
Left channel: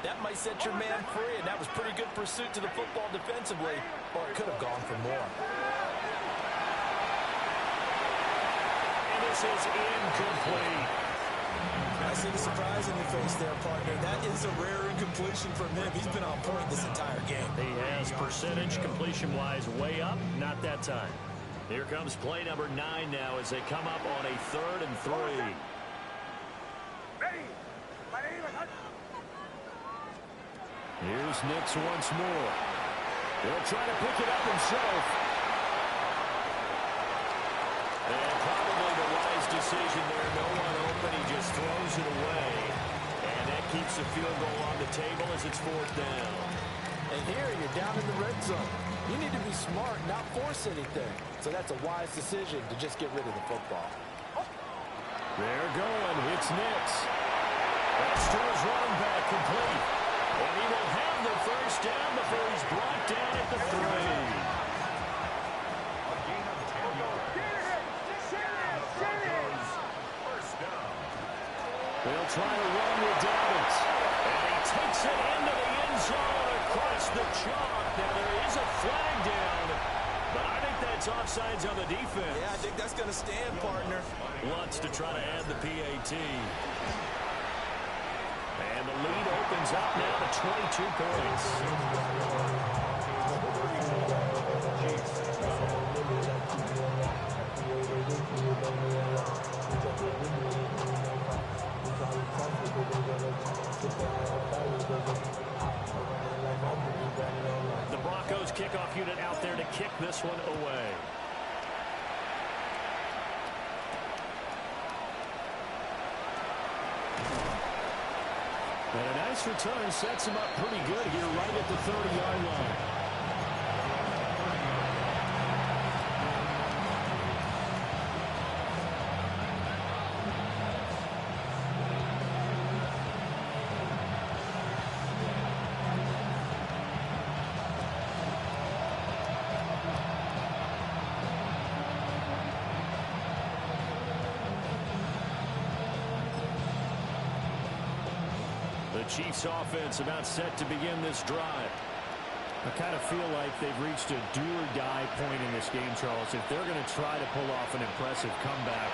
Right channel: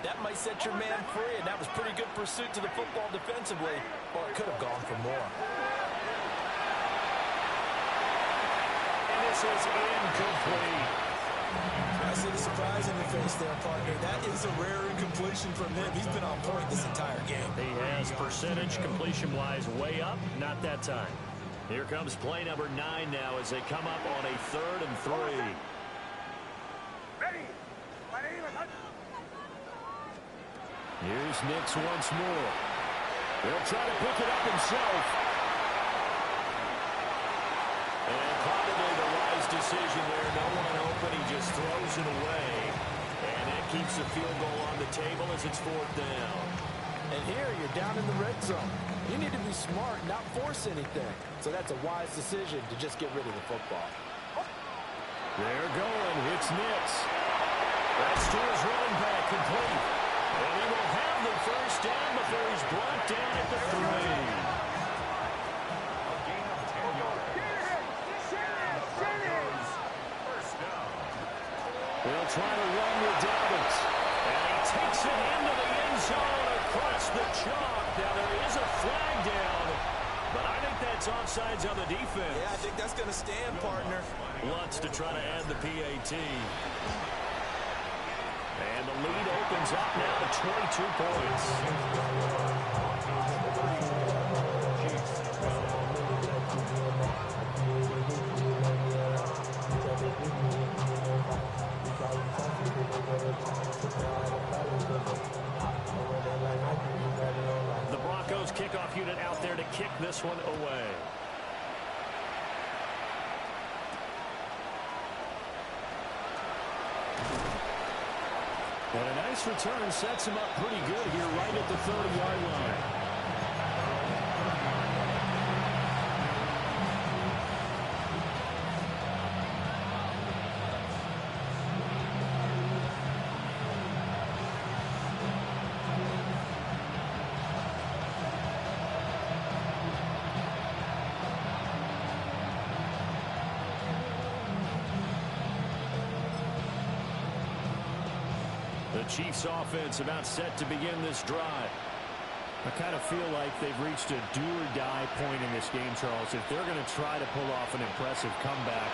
That might set your man free, and that was pretty good pursuit to the football defensively, or it could have gone for more. And this is incomplete. I see the surprise in your face there, partner. That is a rare incompletion from him. He's been on point this entire game. He has percentage completion-wise way up. Not that time. Here comes play number 9 now as they come up on a 3rd and 3. Here's Nix once more. He'll try to pick it up himself. And probably the wise decision there. No one open. He just throws it away. And that keeps the field goal on the table as it's 4th down. And here you're down in the red zone. You need to be smart, not force anything. So that's a wise decision to just get rid of the football. They're going. It's Nix. That's to his running back, complete. And he will have the first down before he's brought down at the 3. A gain of 10 yards. First down. They'll try to run with Dobbins. And he takes it into the end zone across the chalk. Now there is a flag down, but I think that's offsides on the defense. Yeah, I think that's going to stand, partner. Wants to try to add the PAT. And the lead opens up now to 22 points. The Broncos kickoff unit out there to kick this one away. And a nice return sets him up pretty good here right at the 30-yard line. The Chiefs offense about set to begin this drive. I kind of feel like they've reached a do-or-die point in this game, Charles. If they're going to try to pull off an impressive comeback,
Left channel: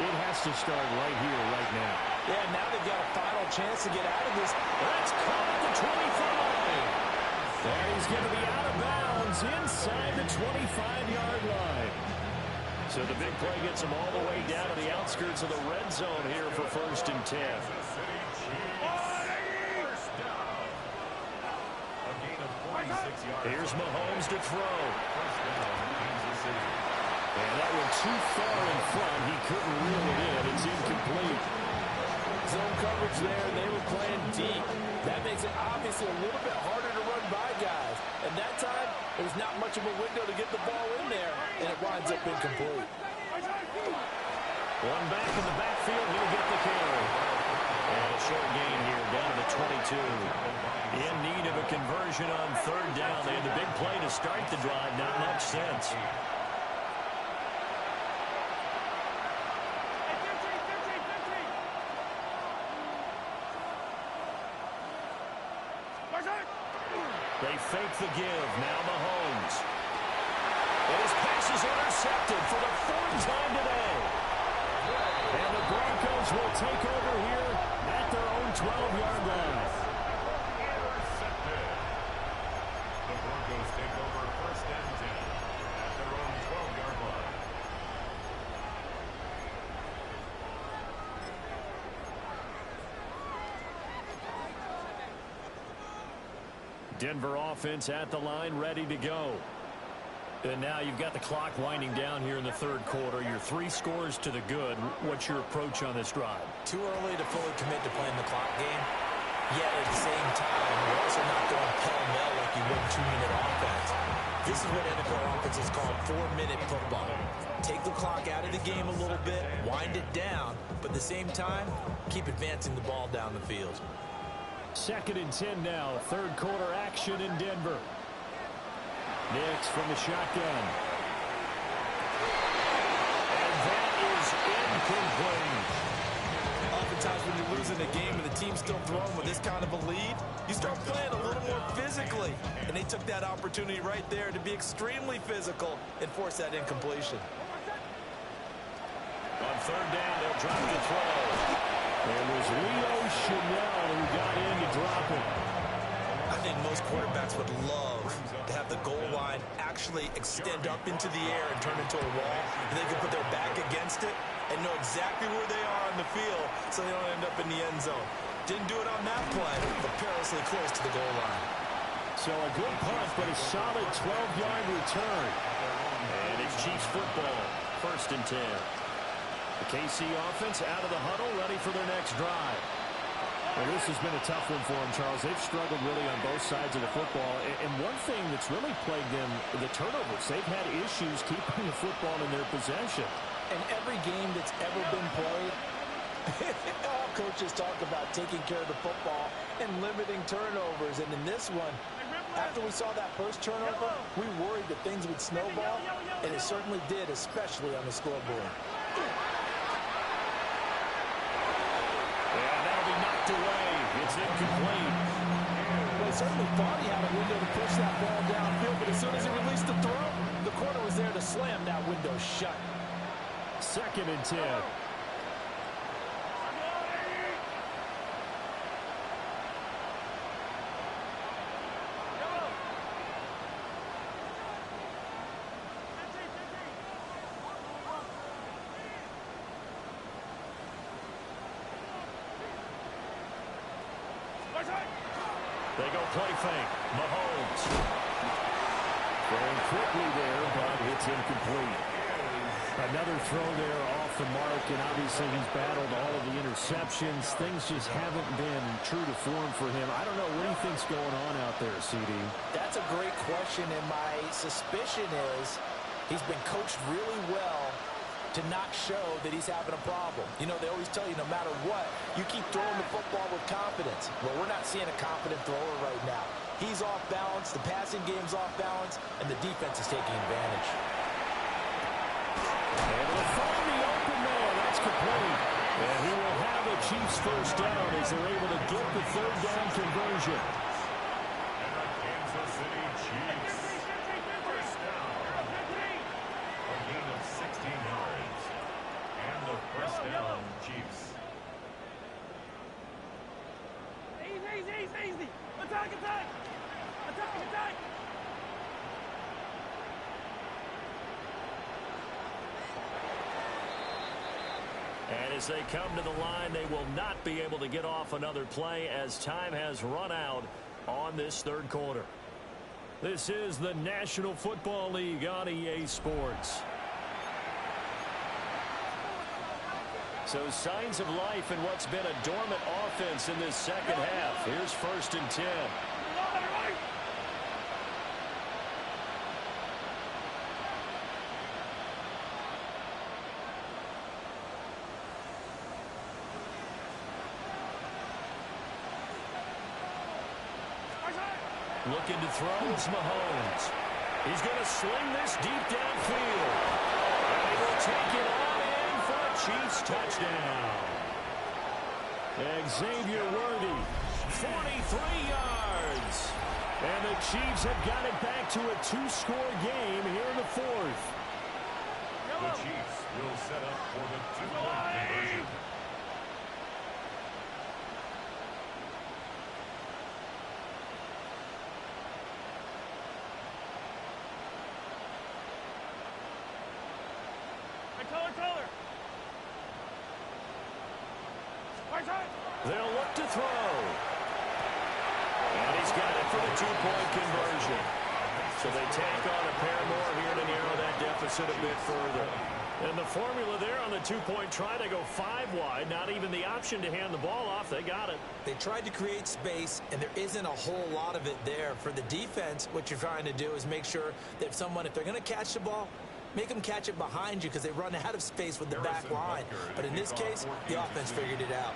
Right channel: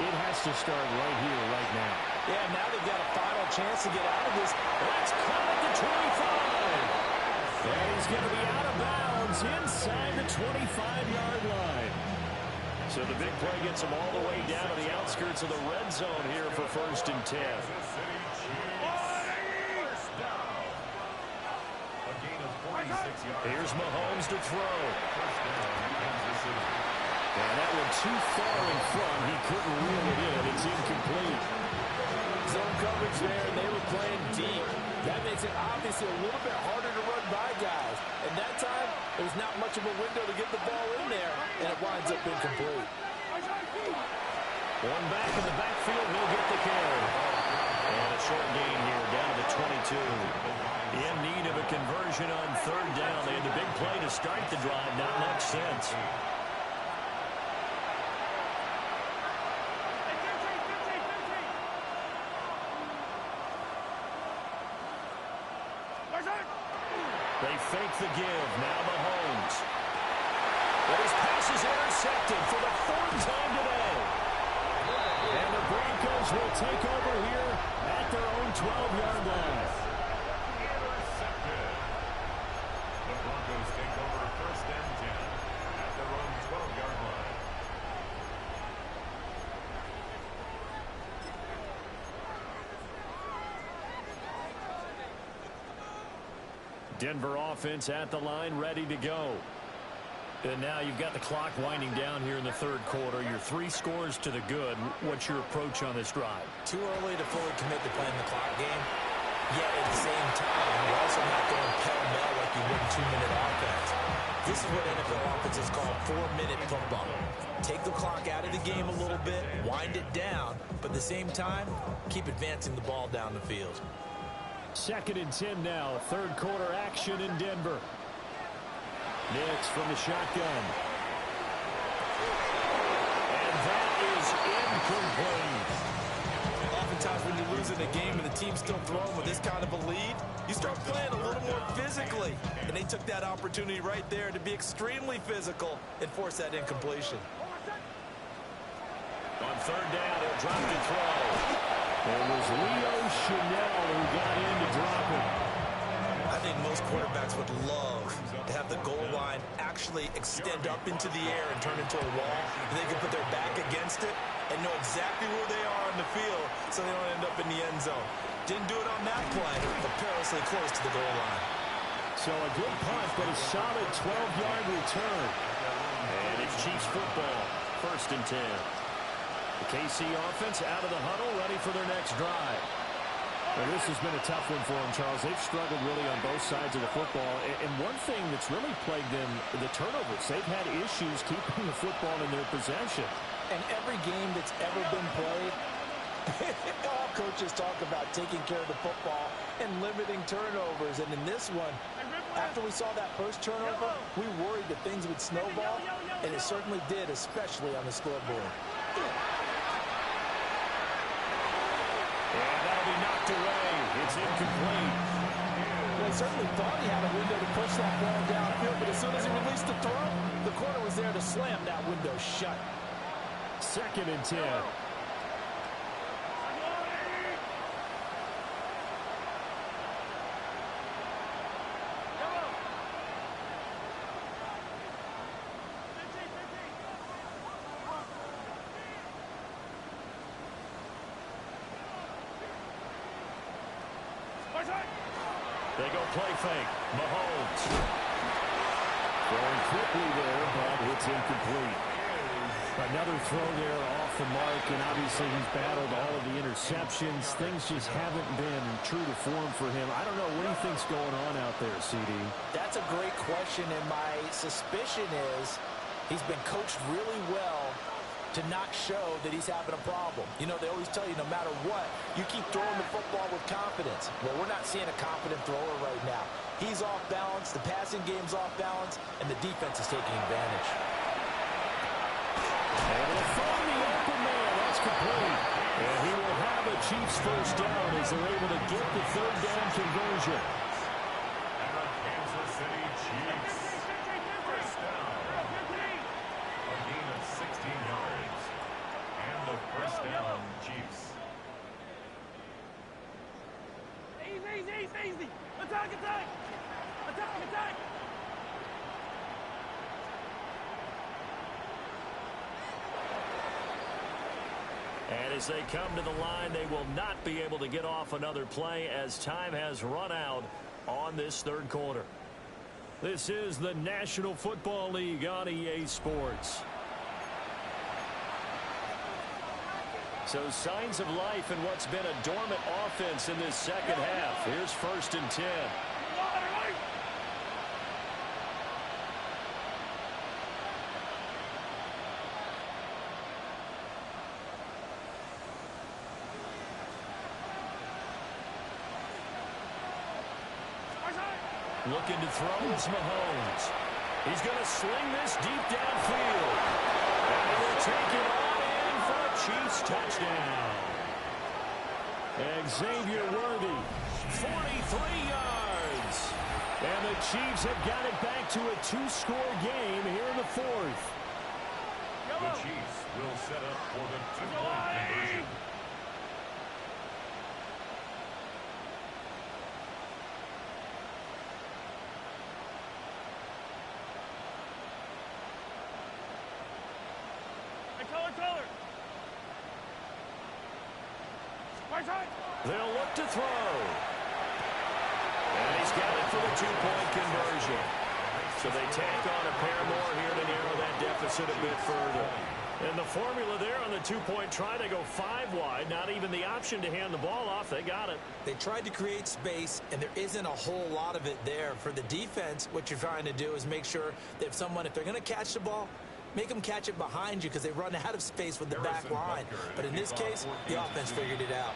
it has to start right here, right now. Yeah, now they've got a final chance to get out of this. That's caught at the 25. And he's going to be out of bounds inside the 25-yard line. So the big play gets him all the way down to the outskirts of the red zone here for 1st and 10. Here's Mahomes to throw. And that one too far in front. He couldn't reel it in. It's incomplete. zone coverage there, and they were playing deep. That makes it obviously a little bit harder to run by guys. And that time, there's not much of a window to get the ball in there, and it winds up incomplete. One back in the backfield, he'll get the carry. And a short gain here, down to the 22. In need of a conversion on third down. They had the big play to start the drive, not much sense. They fake the give. Now Mahomes. And his pass is intercepted for the fourth time today. And the Broncos will take over here at their own 12-yard line. Intercepted. The Broncos take over first and 10 at their own 12-yard line. Denver offense at the line, ready to go. And now you've got the clock winding down here in the third quarter. Your 3 scores to the good. What's your approach on this drive? Too early to fully commit to playing the clock game. Yet at the same time, you're also not going pell-mell like you would in 2-minute offense. This is what NFL offenses call 4-minute football. Take the clock out of the game a little bit, wind it down, but at the same time, keep advancing the ball down the field. 2nd and 10 now. Third quarter action in Denver. Nix from the shotgun. And that is incomplete. Oftentimes when you're losing a game and the team's still throwing with this kind of a lead, you start playing a little more physically. And they took that opportunity right there to be extremely physical and force that incompletion. On third down, he'll drop the throw. It was Leo Chanel who got in to drop it. I think most quarterbacks would love to have the goal line actually extend up into the air and turn into a wall, and they can put their back against it and know exactly where they are on the field so they don't end up in the end zone. Didn't do it on that play, but perilously close to the goal line. So a good punt, but a solid 12-yard return. And it's Chiefs football, 1st and 10. The KC offense out of the huddle, ready for their next drive. Well, this has been a tough one for them, Charles. They've struggled really on both sides of the football. And one thing that's really plagued them, the turnovers. They've had issues keeping the football in their possession. And every game that's ever been played, all coaches talk about taking care of the football and limiting turnovers. And in this one, after we saw that first turnover, we worried that things would snowball, and it certainly did, especially on the scoreboard. And that'll be knocked away. It's incomplete. Well, he certainly thought he had a window to push that ball downfield, but as soon as he released the throw, the corner was there to slam that window shut. 2nd and 10. They go play fake. Mahomes. Throwing quickly there, but it's incomplete. Another throw there off the mark, and obviously he's battled all of the interceptions. Things just haven't been true to form for him. I don't know. What do you think's going on out there, CD? That's a great question, and my suspicion is he's been coached really well to not show that he's having a problem. You know, they always tell you no matter what, you keep throwing the football with confidence. Well, we're not seeing a confident thrower right now. He's off balance, the passing game's off balance, and the defense is taking advantage. Able to find the open man. That's complete. And he will have a Chiefs first down as they're able to get the third down conversion. And the Kansas City Chiefs. First down. A gain of 16 yards. And the first down, Chiefs. Easy. Attack. Attack. And as they come to the line, they will not be able to get off another play as time has run out on this third quarter. This is the National Football League on EA Sports. So signs of life in what's been a dormant offense in this second half. Here's 1st and 10. Looking to throw is Mahomes. He's going to sling this deep downfield. And he will take it on in for a Chiefs touchdown. Xavier Worthy, 43 yards. And the Chiefs have got it back to a 2-score game here in the 4th. The Chiefs will set up for the 2-point conversion. Color. They'll look to throw. And he's got it for the 2-point conversion. So they tack on a pair more here to narrow that deficit a bit further. And the formula there on the 2-point try to go 5 wide. Not even the option to hand the ball off. They got it. They tried to create space, and there isn't a whole lot of it there. For the defense, what you're trying to do is make sure that if they're going to catch the ball, make them catch it behind you because they run out of space with the back line. But in this case, the offense figured it out.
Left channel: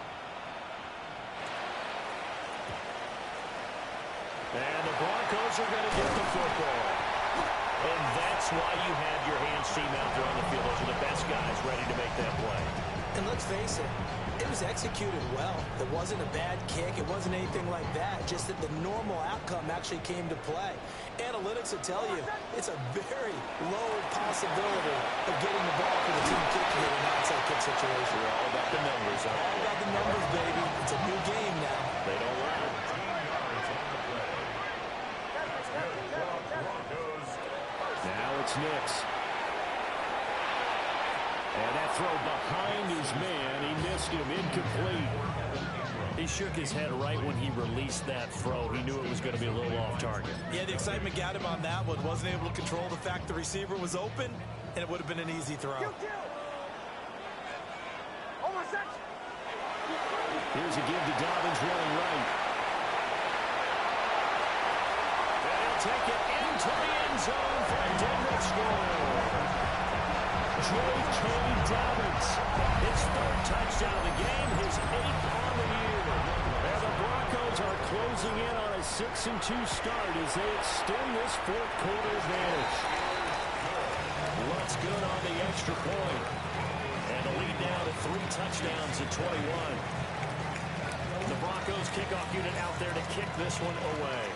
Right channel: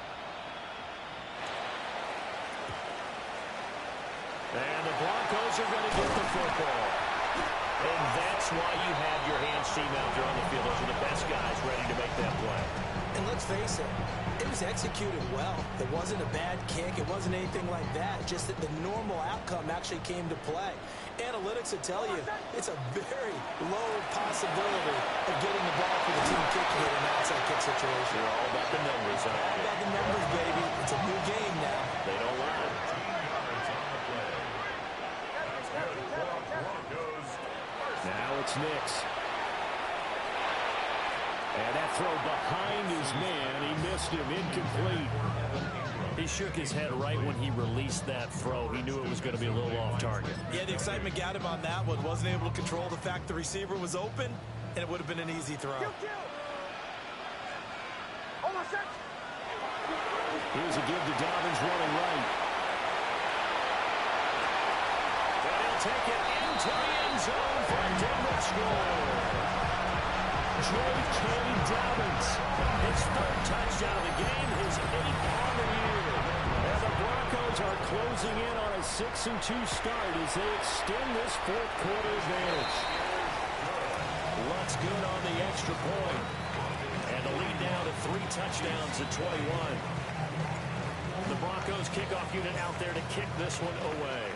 And the Broncos are going to get the football. And that's why you have your hands team out there on the field. Those are the best guys ready to make that play. And let's face it, it was executed well. It wasn't a bad kick. It wasn't anything like that. Just that the normal outcome actually came to play. Analytics will tell you it's a very low possibility of getting the ball for the team kicking it in an outside kick situation. They're all about the numbers, aren't they? All about the numbers, baby. It's a new game now. They don't lie. 15 yards on the play. That's good for Broncos. Now it's Nix. And that throw behind his man. He missed him. Incomplete. He shook his head right when he released that throw. He knew it was going to be a little off target. Yeah, the excitement got him on that one. Wasn't able to control the fact the receiver was open, and it would have been an easy throw. Here's a give to Dobbins running right. And he'll take it into the end zone for a Denver score. J.K. Dobbins, his 3rd touchdown of the game, his 8th on the year. And the Broncos are closing in on a 6-2 start as they extend this 4th quarter advantage. Lutz good on the extra point. And the lead now to 3 touchdowns at 21. The Broncos kickoff unit out there to kick this one away.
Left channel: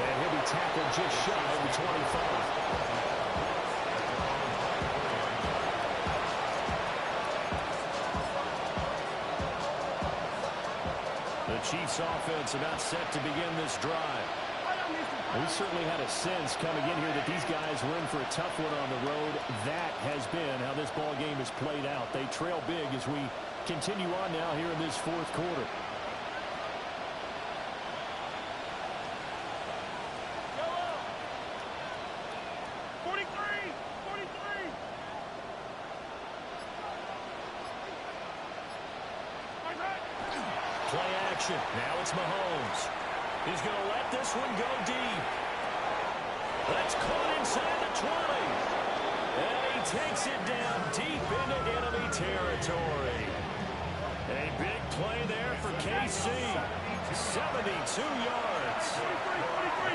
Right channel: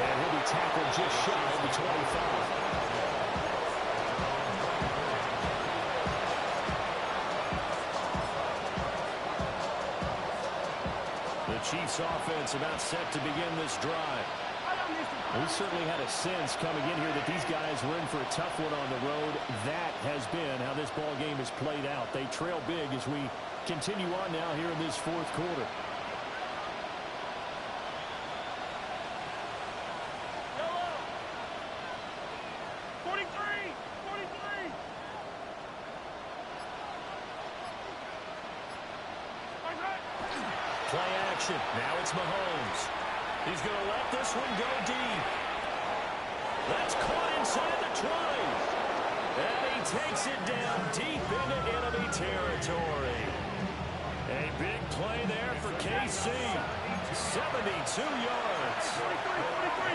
And he'll be tackled just shy of the 25. The Chiefs offense about set to begin this drive. We certainly had a sense coming in here that these guys were in for a tough one on the road. That has been how this ball game has played out. They trail big as we continue on now here in this 4th quarter. Play action. Now it's Mahomes. He's going to let this one go deep. That's caught inside the 20. And he takes it down deep into enemy territory. A big play there for KC. 72 yards. 43,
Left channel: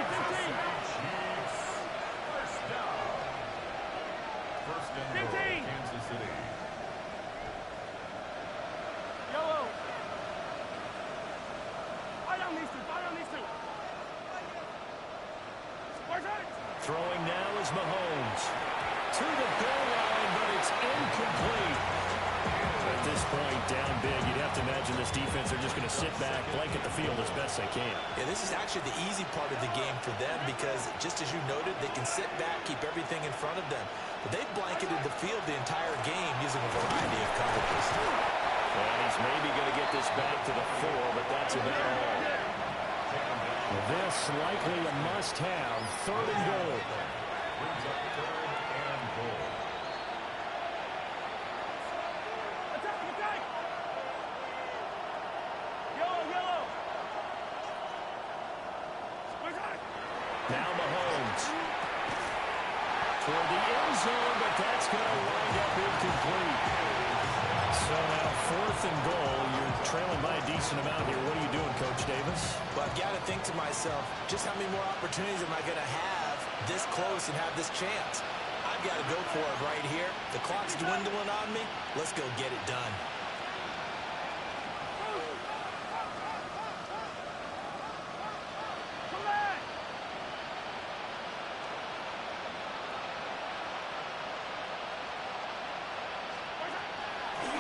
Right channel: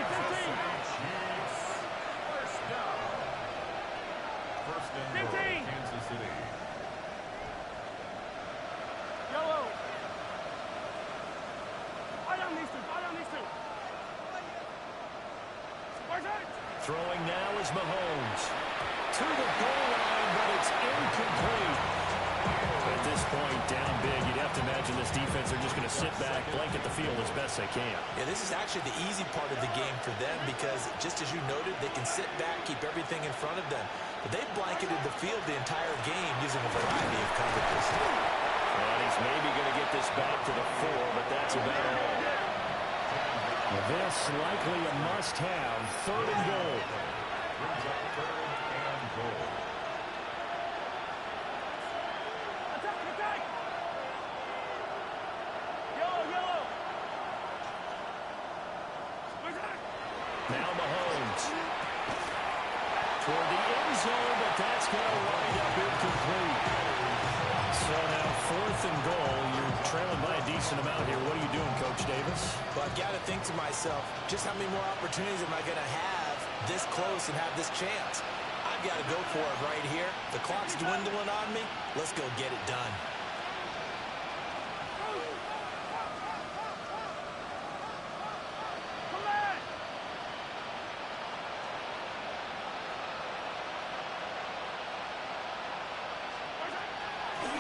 First down. First and goal, Kansas City. Yellow. Down these two. Throwing now is Mahomes. To the goal line, but it's incomplete. At this point, down big, you'd have to imagine this defense are just going to sit back, blanket the field as best they can. Yeah, this is actually the easy part of the game for them because, just as you noted, they can sit back, keep everything in front of them. But they've blanketed the field the entire game using a variety of coverages. And he's maybe going to get this back to the 4, but that's about all. This likely a must-have. 3rd and goal. Brings up 3rd and goal. Attack, attack! Yellow, yellow! Attack! Now Mahomes. Toward the end zone, but that's going to wind up incomplete. So now 4th and goal. You're trailing by a decent amount here. What are you doing, Coach Davis? Well, I've got to think to myself, just how many more opportunities am I going to have this close and have this chance? I've got to go for it right here. The clock's dwindling on me. Let's go get it done.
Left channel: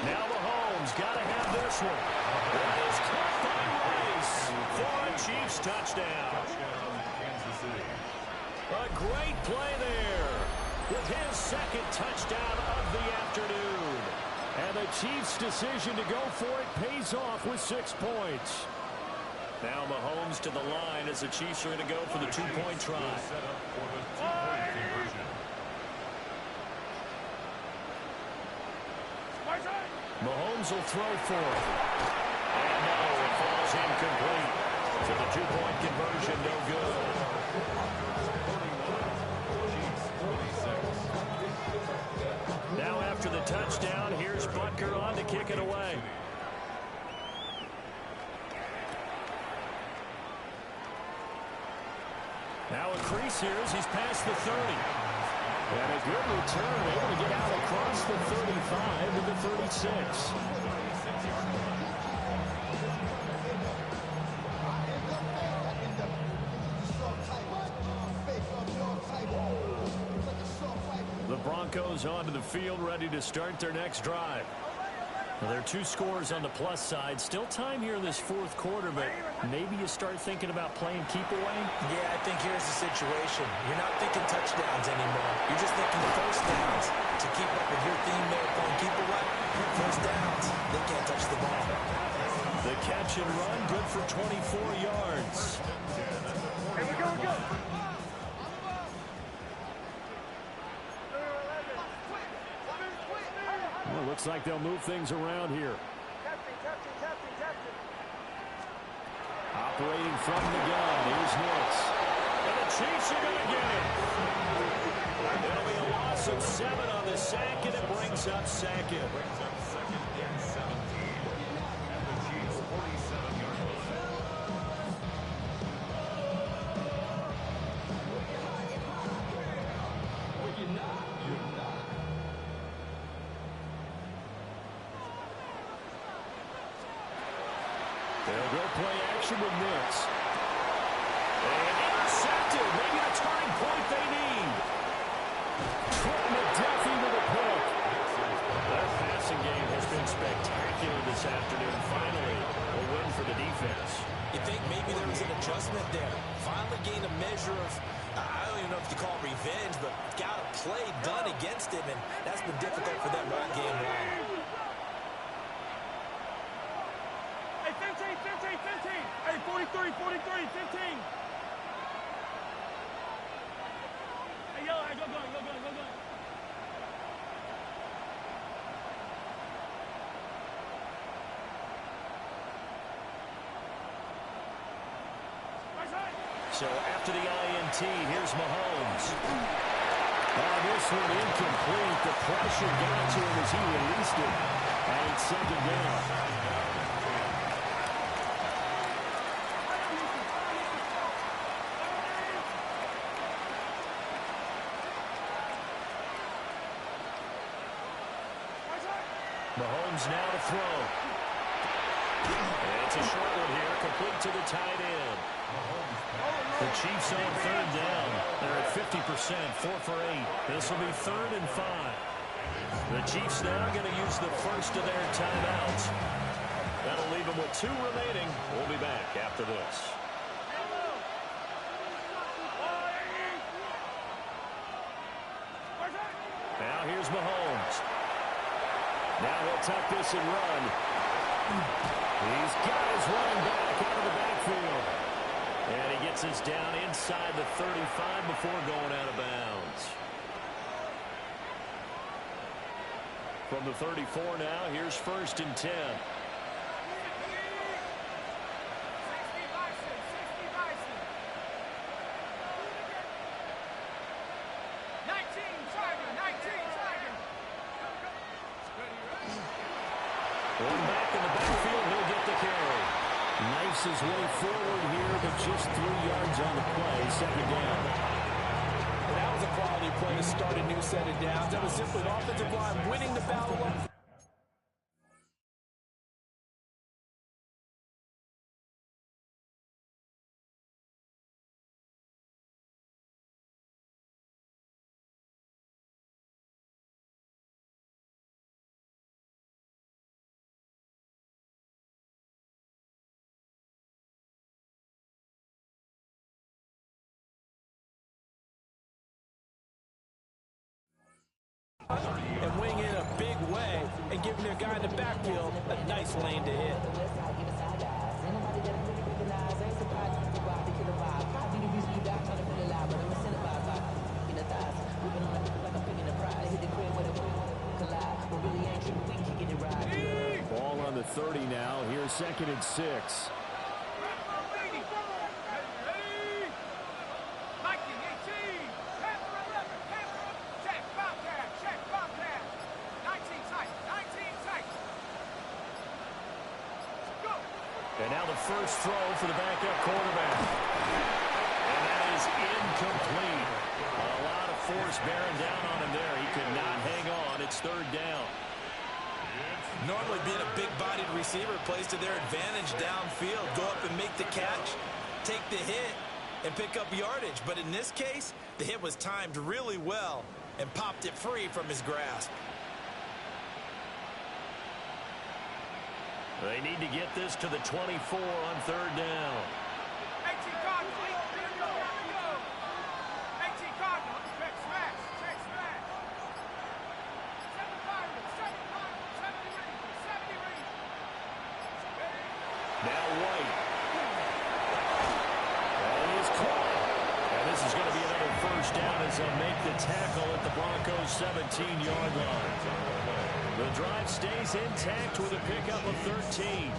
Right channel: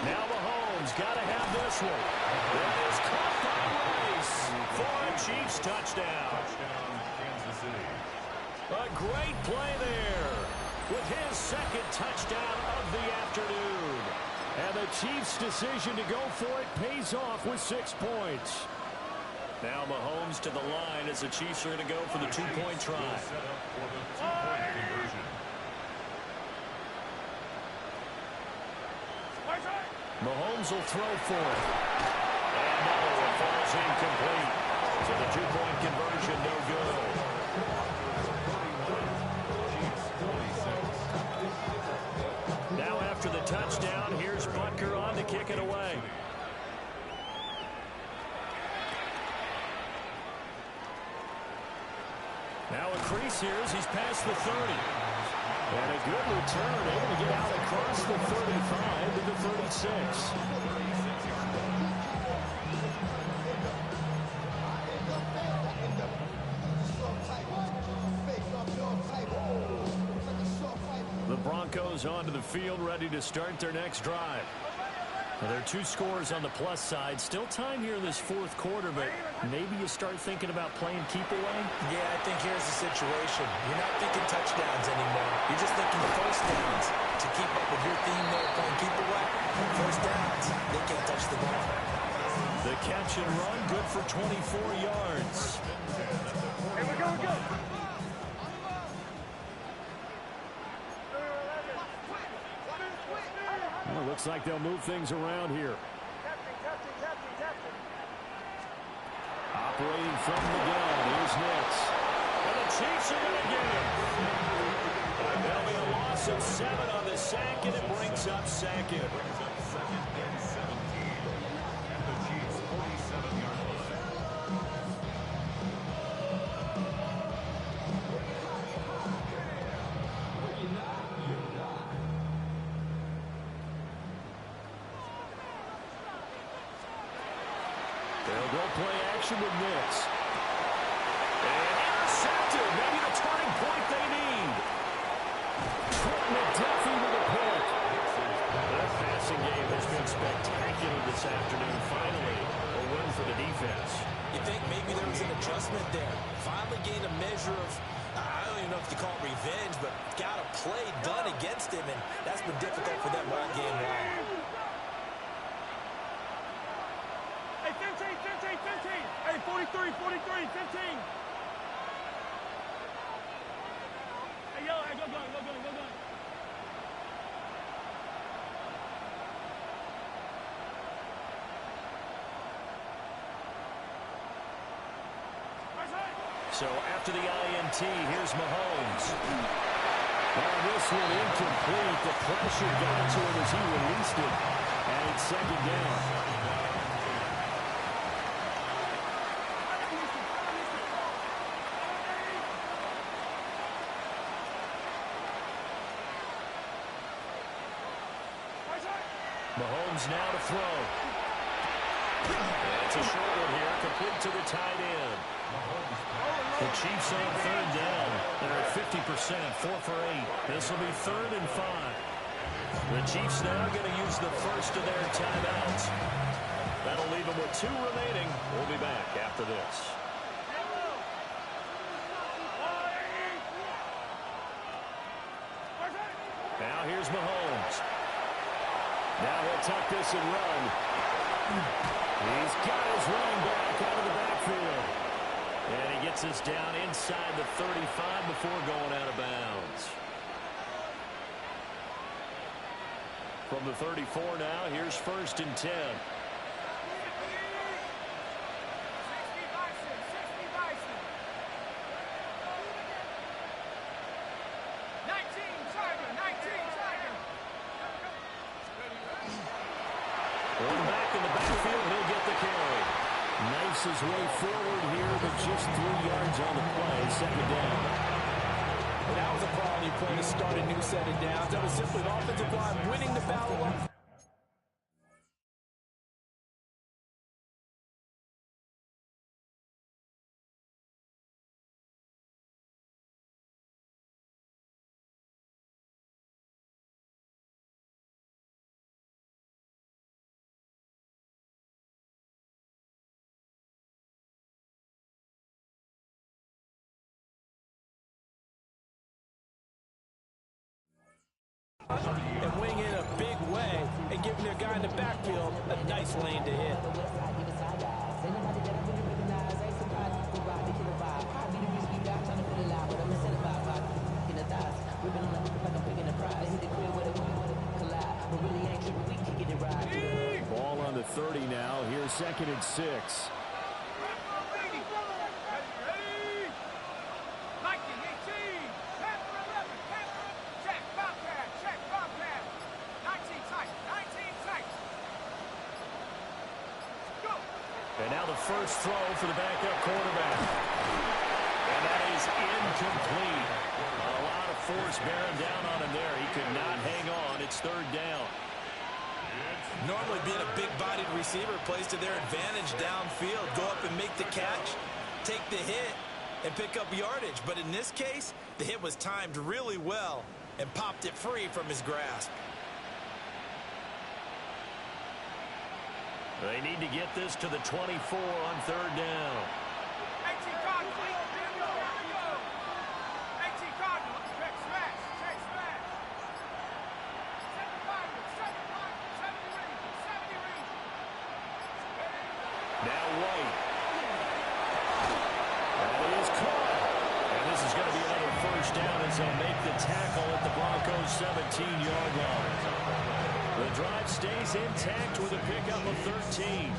Now Mahomes got to have this one. That is caught by Rice for a Chiefs touchdown. Touchdown, Kansas City. A great play there with his 2nd touchdown of the afternoon. And the Chiefs' decision to go for it pays off with 6 points. Now Mahomes to the line as the Chiefs are going to go for the 2-point try. Set up for the 2-point conversion. Mahomes will throw for it. And no, it falls incomplete. So the 2-point conversion, no good. Chiefs 26. Now after the touchdown, here's Butker on to kick it away. Now a crease here as he's past the 30. And a good return, able to get out across the 35 to the 36. The Broncos onto the field, ready to start their next drive. Well, there are 2 scores on the plus side. Still time here in this 4th quarter, but maybe you start thinking about playing keep away? Yeah, I think here's the situation. You're not thinking touchdowns anymore. You're just thinking first downs. To keep up with your theme there, playing keep away, first downs, they can't touch the ball. The catch and run, good for 24 yards. Here we go, we go! Well, looks like they'll move things around here. Operating from the gun, here's Nix. And the Chiefs are going to get him. It'll be a loss of 7 on the sack, and it brings up 2nd. Brings up 2nd and 17. And the Chiefs 47-yard line. They'll go play action with Nix. And intercepted. Maybe the turning point they need. Trent McDuffie with a pick. Their passing game has been spectacular this afternoon. Finally, a win for the defense. You think maybe there was an adjustment there. Finally gained a measure of, I don't even know if you call it revenge, but got a play done against him, and that's been difficult for them all game long. Hey, 15, 15, 15. Hey, 43, 43, 15. Hey, yellow, hey, go gun, go gun, go gun. So after the INT, here's Mahomes. This one incomplete. The pressure got to him as he released it. And it's 2nd down. Mahomes now to throw. It's a short one here, complete to the tight end. The Chiefs on 3rd down. They're at 50%, 4 for 8. This will be 3rd and 5. The Chiefs now going to use the first of their timeouts. That'll leave them with 2 remaining. We'll be back after this. Now here's Mahomes. Now he'll tuck this and run. He's got his running back out of the backfield. And he gets us down inside the 35 before going out of bounds. From the 34 now, here's 1st and 10. 1 back in the backfield, he'll get the carry. Knifes his way forward here, but just 3 yards on the play, 2nd down. Well, that was a quality play to start a new set of downs. That was simply an offensive line winning the battle up. And wing in a big way and giving their guy in the backfield a nice lane to hit. Ball on the 30 now. Here's 2nd and 6. And now the first throw for the backup quarterback. And that is incomplete. A lot of force bearing down on him there. He could not hang on. It's 3rd down. Normally being a big-bodied receiver plays to their advantage downfield. Go up and make the catch, take the hit, and pick up yardage. But in this case, the hit was timed really well and popped it free from his grasp. They need to get this to the 24 on 3rd down. 18 Cardinals. Go. 18 Cardinals. Check smash. 70 range. Now White. That is caught. And this is going to be another 1st down as they'll make the tackle at the Broncos' 17-yard line. The drive stays intact with a pickup of 13.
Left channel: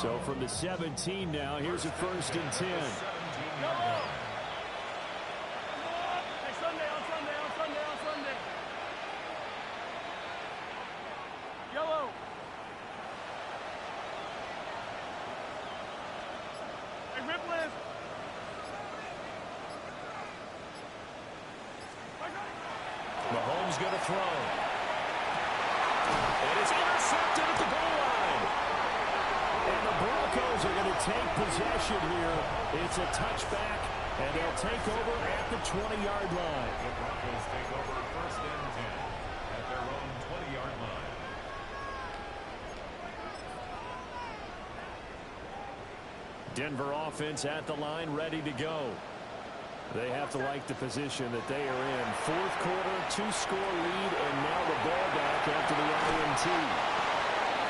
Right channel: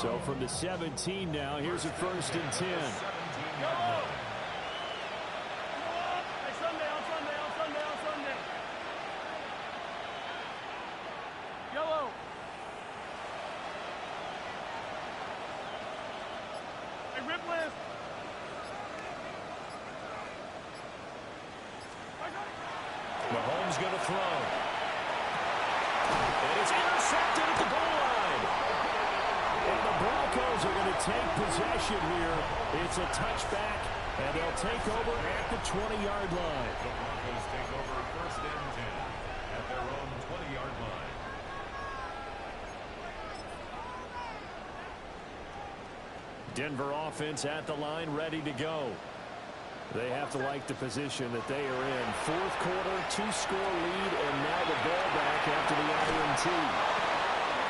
So from the 17 now, here's a 1st and 10. Hey, Sunday. Yellow. Hey, Ripley. Mahomes going to throw. And it's intercepted at the goal line. And the Broncos are going to take possession here. It's a touchback, and they'll take over at the 20-yard line. The Broncos take over 1st and 10 at their own 20-yard line. Denver offense at the line, ready to go. They have to like the position that they are in. 4th quarter, 2-score lead, and now the ball back after the INT.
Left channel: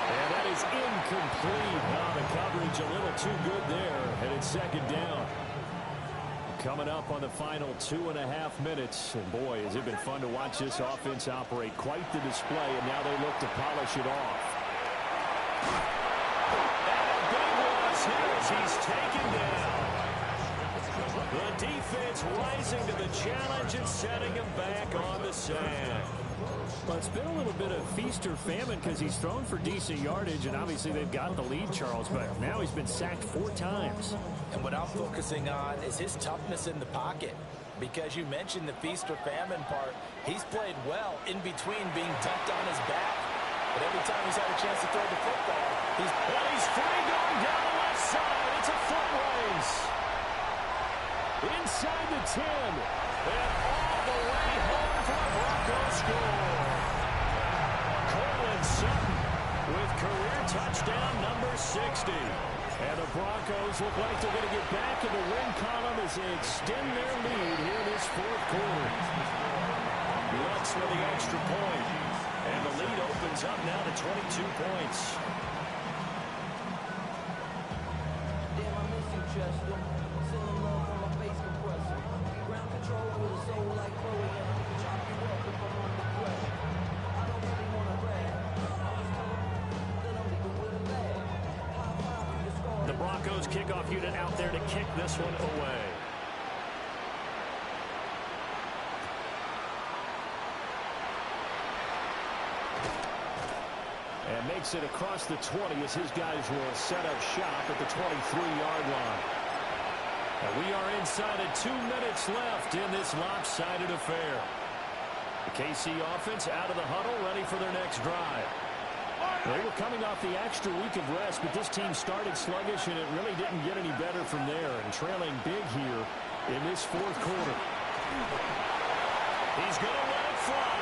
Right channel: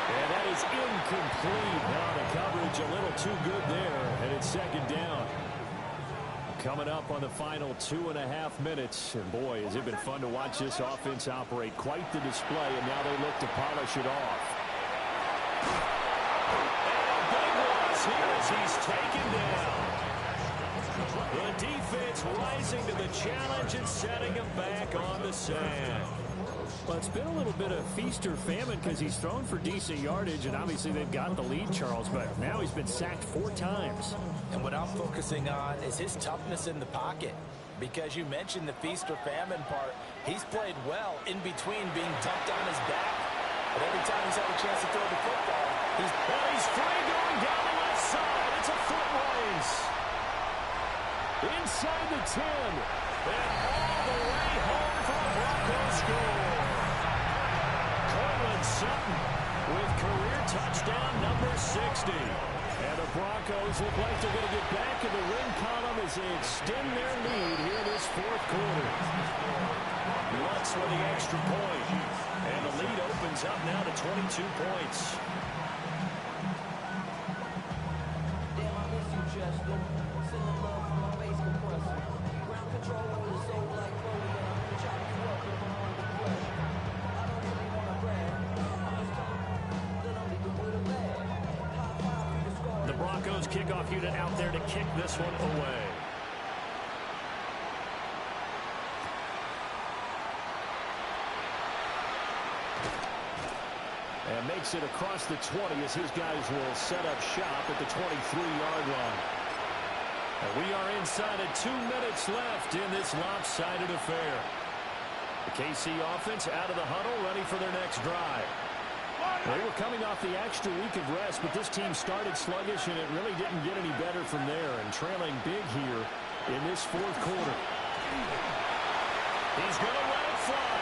And that is incomplete. Now the coverage a little too good there, and it's 2nd down. Coming up on the final 2.5 minutes. And boy, has it been fun to watch this offense operate. Quite the display, and now they look to polish it off. And a big loss here as he's taken down. The defense rising to the challenge and setting him back on the sack. Well, it's been a little bit of feast or famine because he's thrown for decent yardage, and obviously they've got the lead, Charles, but now he's been sacked 4 times. And what I'm focusing on is his toughness in the pocket. Because you mentioned the feast or famine part, he's played well in between being dumped on his back. But every time he's had a chance to throw the football, he's free going down the left side. It's a foot race. Inside the 10. And all the way home for a Broncos score. Cortland Sutton with career touchdown number 60. And the Broncos look like they're going to get back in the win column as they extend their lead here in this 4th quarter. Lutz with the extra point. And the lead opens up now to 22 points. you chest them. Sending love from my face compressor. Ground control with a soul like Chloe, and I chop you up if I'm under pressure. I don't really want to brag. I'm just telling that I'm leaving with a bag. High five through the scar. The Broncos kickoff unit out there to kick this one away. And makes it across the 20 as his guys will set up shop at the 23-yard line. And we are inside of 2 minutes left in this lopsided affair. The KC offense out of the huddle, ready for their next drive. They were coming off the extra week of rest, but this team started sluggish, and it really didn't get any better from there, and trailing big here in this fourth quarter. He's going to let it fly.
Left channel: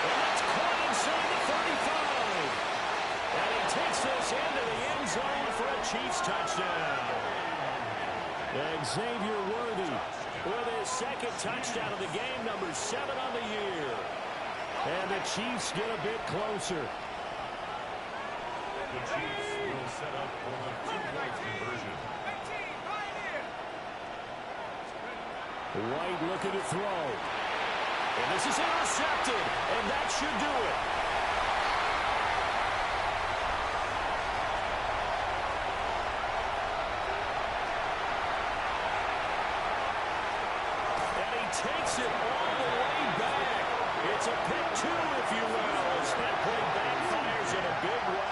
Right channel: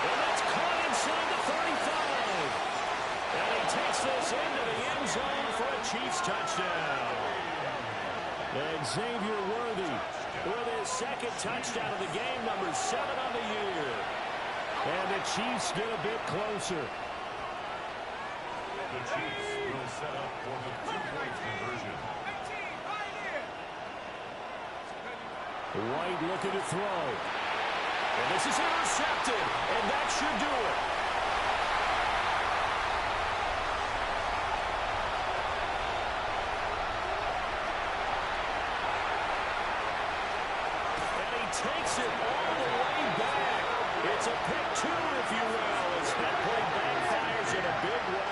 And that's caught inside the 35. And he takes this into the end zone for a Chiefs touchdown. Xavier Worthy with his second touchdown of the game, number 7 on the year. And the Chiefs get a bit closer. The Chiefs will set up for the 2-point conversion. White looking to throw. And this is intercepted, and that should do it. And he takes it all the way back. It's a pick 2, if you will, as that play backfires in a big way.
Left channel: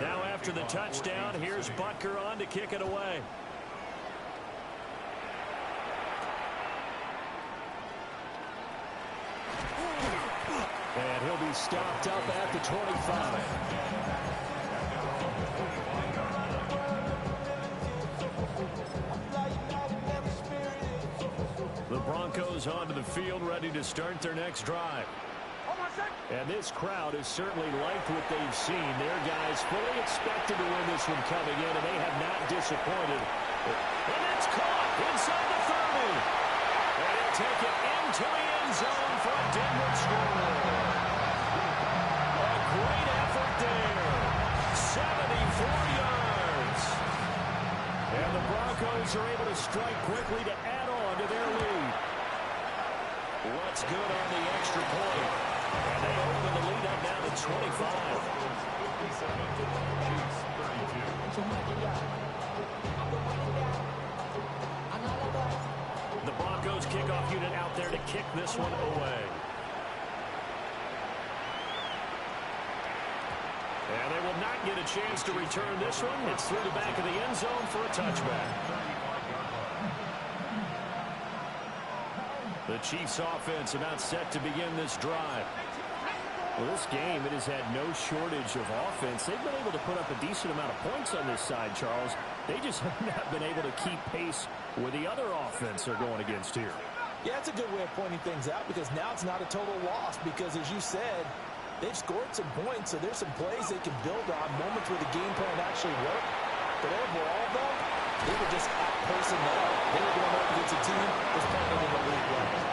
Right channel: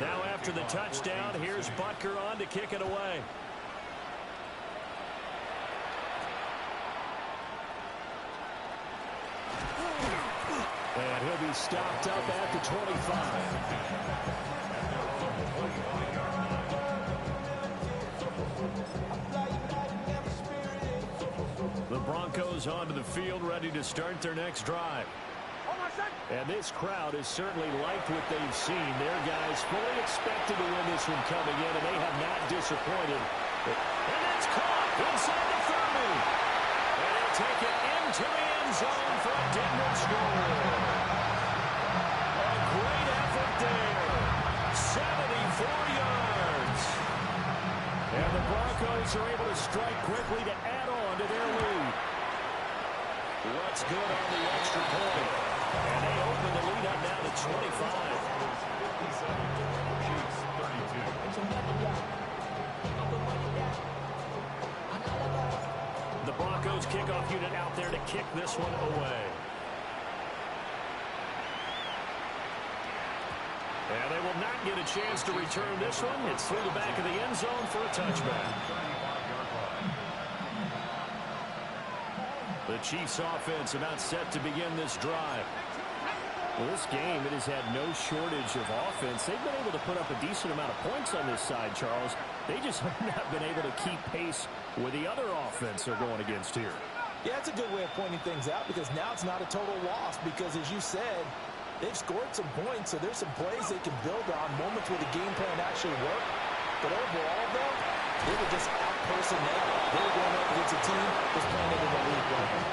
Now after the touchdown, here's Butker on to kick it away. And he'll be stopped up at the 25. The Broncos onto the field, ready to start their next drive. And this crowd has certainly liked what they've seen. Their guys fully expected to win this one coming in, and they have not disappointed. And it's caught inside the 30. And he'll take it into the end zone for a Denver score. A great effort there. 74 yards. And the Broncos are able to strike quickly to add on to their lead. What's good on the extra point? And they open the lead up now to 25. 57, Chiefs 32. The Broncos kickoff unit out there to kick this one away. And they will not get a chance to return this one. It's through the back of the end zone for a touchback. The Chiefs offense about set to begin this drive. Well, this game, it has had no shortage of offense. They've been able to put up a decent amount of points on this side, Charles. They just have not been able to keep pace with the other offense they're going against here. Yeah, that's a good way of pointing things out, because now it's not a total loss, because as you said, they've scored some points, so there's some plays they can build on, moments where the game plan actually worked. But overall, though, they were just out personnel. They were going up against a team that's playing at an elite level.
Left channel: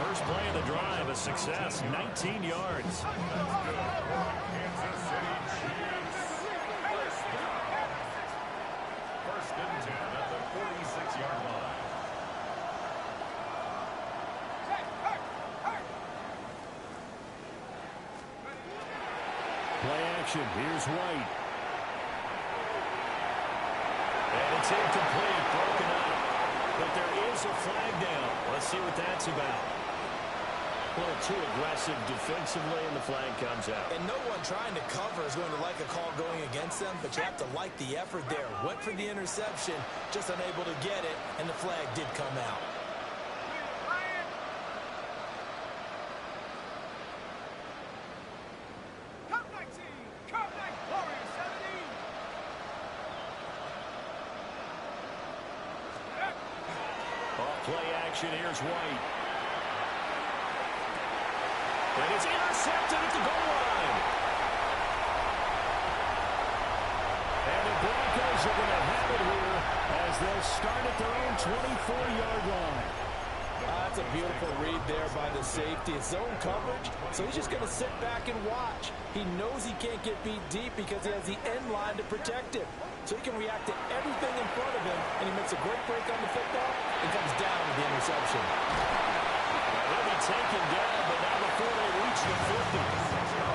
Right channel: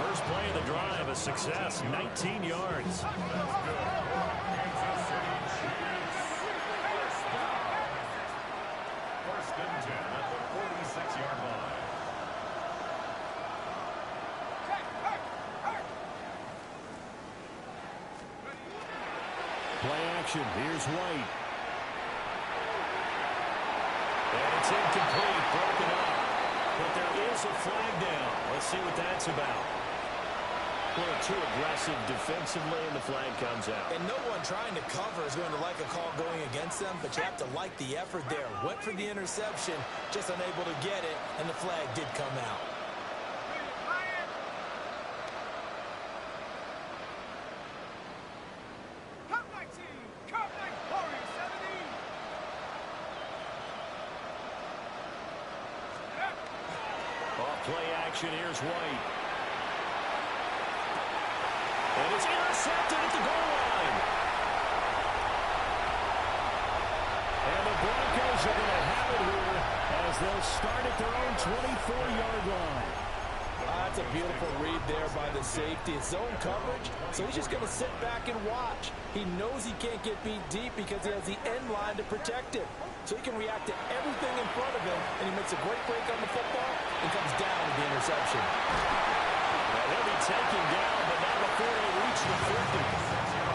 First play of the drive, a success, 19 yards. That's good for Kansas City Chiefs. First and 10 at the 46-yard line. Play action. Here's White. And it's incomplete, broken up. But there is a flag down. Let's see what that's about. A little too aggressive defensively, and the flag comes out. And no one trying to cover is going to like a call going against them, but you have to like the effort there. Went for the interception, just unable to get it, and the flag did come out. Play action. Here's White. And it's intercepted at the goal line. And the Broncos are going to have it here as they'll start at their own 24-yard line. That's a beautiful read there by the safety. It's zone coverage, so he's just going to sit back and watch. He knows he can't get beat deep because he has the end line to protect him. So he can react to everything in front of him, and he makes a great break on the football and comes down with the interception. Well, he'll be taken down, but not before they reach the 50.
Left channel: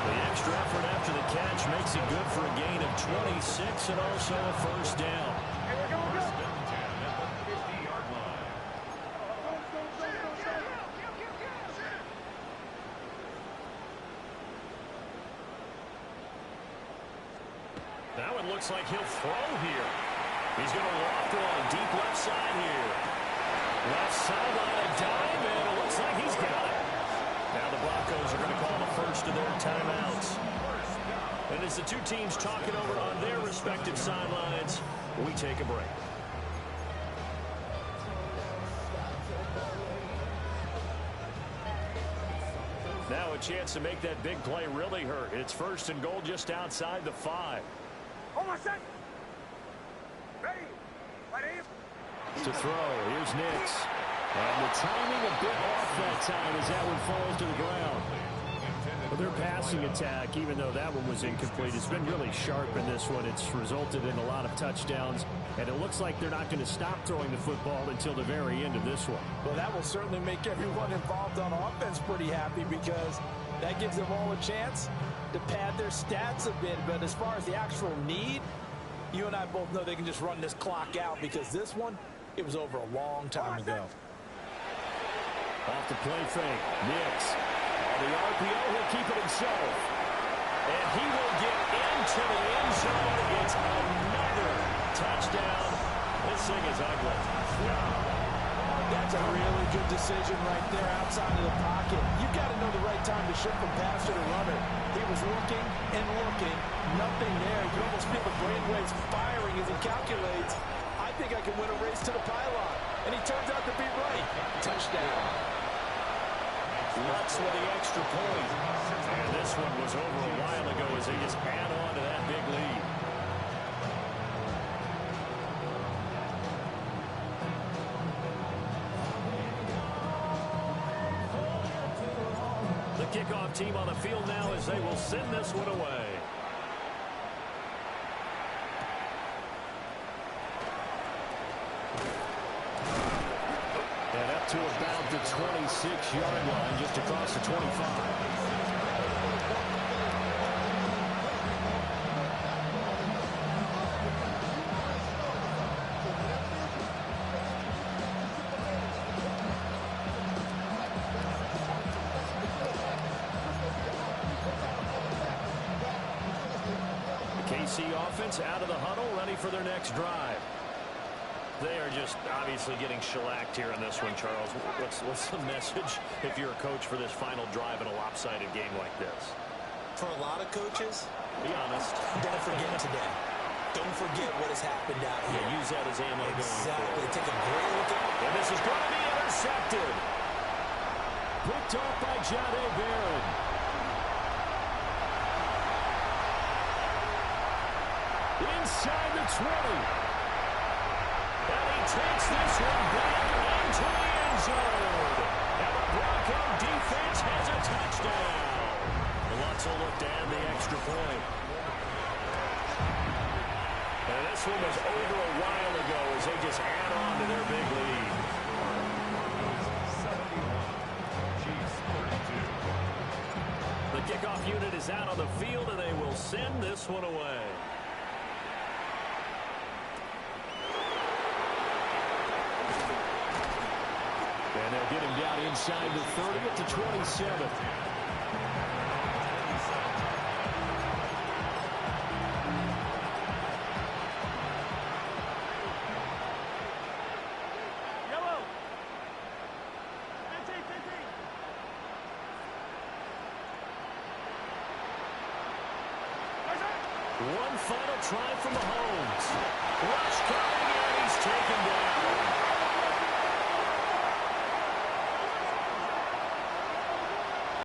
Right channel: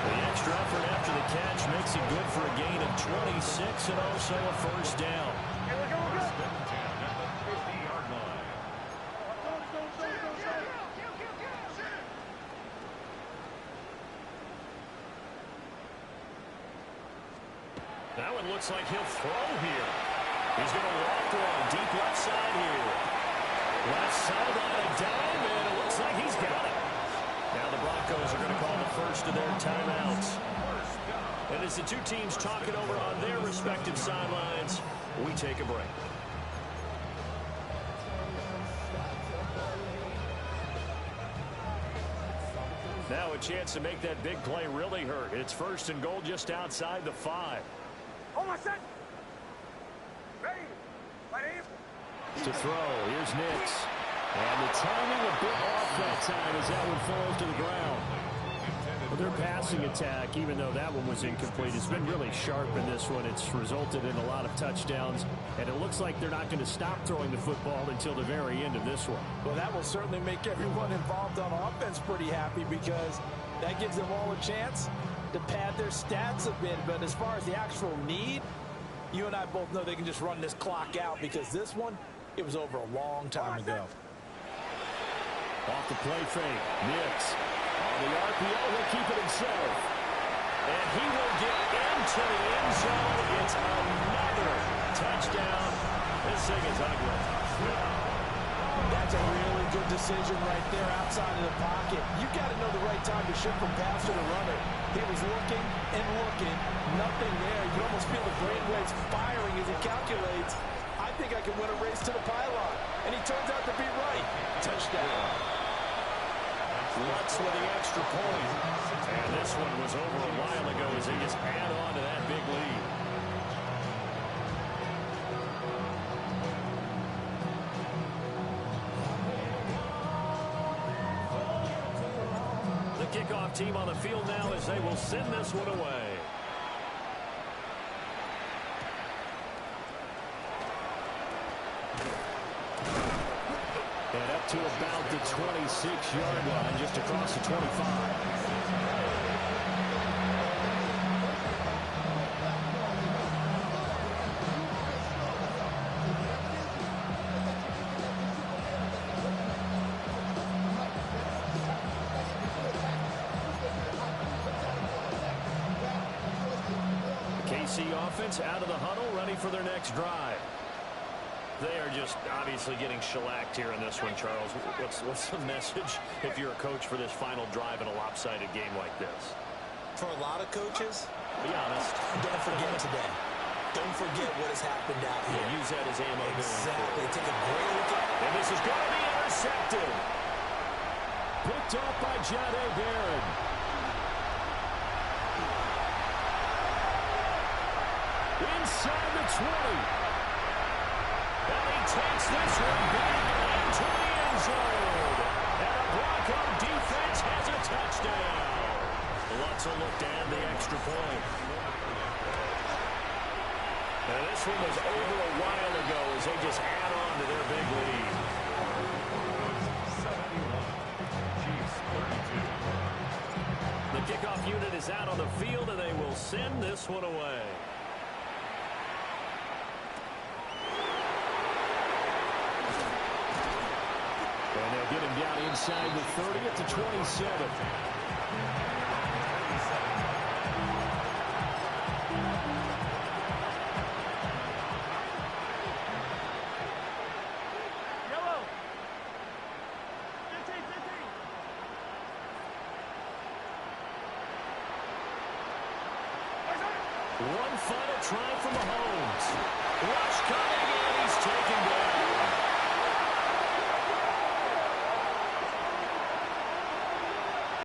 The extra effort after the catch makes it good for a gain of 26 and also a first down. First and 10 at the 50-yard line. Now it looks like he'll throw here. He's going to loft one deep left side here. Left sideline a dime, and it looks like he's got it. Now the Broncos are going to call the first of their timeouts. And as the two teams talk it over on their respective sidelines, we take a break. Now a chance to make that big play really hurt. It's first and goal just outside the 5. To throw, here's Nix. And the timing a bit off that time as that one falls to the ground. Well, their passing attack, even though that one was incomplete, has been really sharp in this one. It's resulted in a lot of touchdowns, and it looks like they're not going to stop throwing the football until the very end of this one. Well, that will certainly make everyone involved on offense pretty happy because that gives them all a chance to pad their stats a bit. But as far as the actual need, you and I both know they can just run this clock out because this one, it was over a long time ago. Off the play fake, Nix. On the RPO, he'll keep it himself. And he will get into the end zone. It's another touchdown. This thing is ugly. That's a really good decision right there outside of the pocket. You've got to know the right time to shift from passer to runner. He was looking and looking. Nothing there. You can almost feel the brainwaves firing as he calculates. I think I can win a race to the pylon. And he turns out to be right. Touchdown. Lutz with the extra point. And this one was over a while ago as they just add on to that big lead. The kickoff team on the field now as they will send this one away. And up to about the 26-yard line, just across the 25. The KC offense out of the huddle, ready for their next drive. They are just obviously getting shellacked here in this one, Charles. What's the message if you're a coach for this final drive in a lopsided game like this? For a lot of coaches, be honest. Don't forget today. Don't forget what has happened out here. Yeah, use that as ammo exactly. going forward. Take a great look at. And this is going to be intercepted. Picked off by Jahdae Barron. Inside the 20. And he takes this one back into the end zone. And the Bronco defense has a touchdown. Lutz will look to add the extra point. And this one was over a while ago as they just add on to their big lead. 71. Chiefs 32. The kickoff unit is out on the field, and they will send this one away. And they'll get him down inside the 30 at the 27. Yellow. 15, 15. One final try from Mahomes. Rush coming, and he's taken down.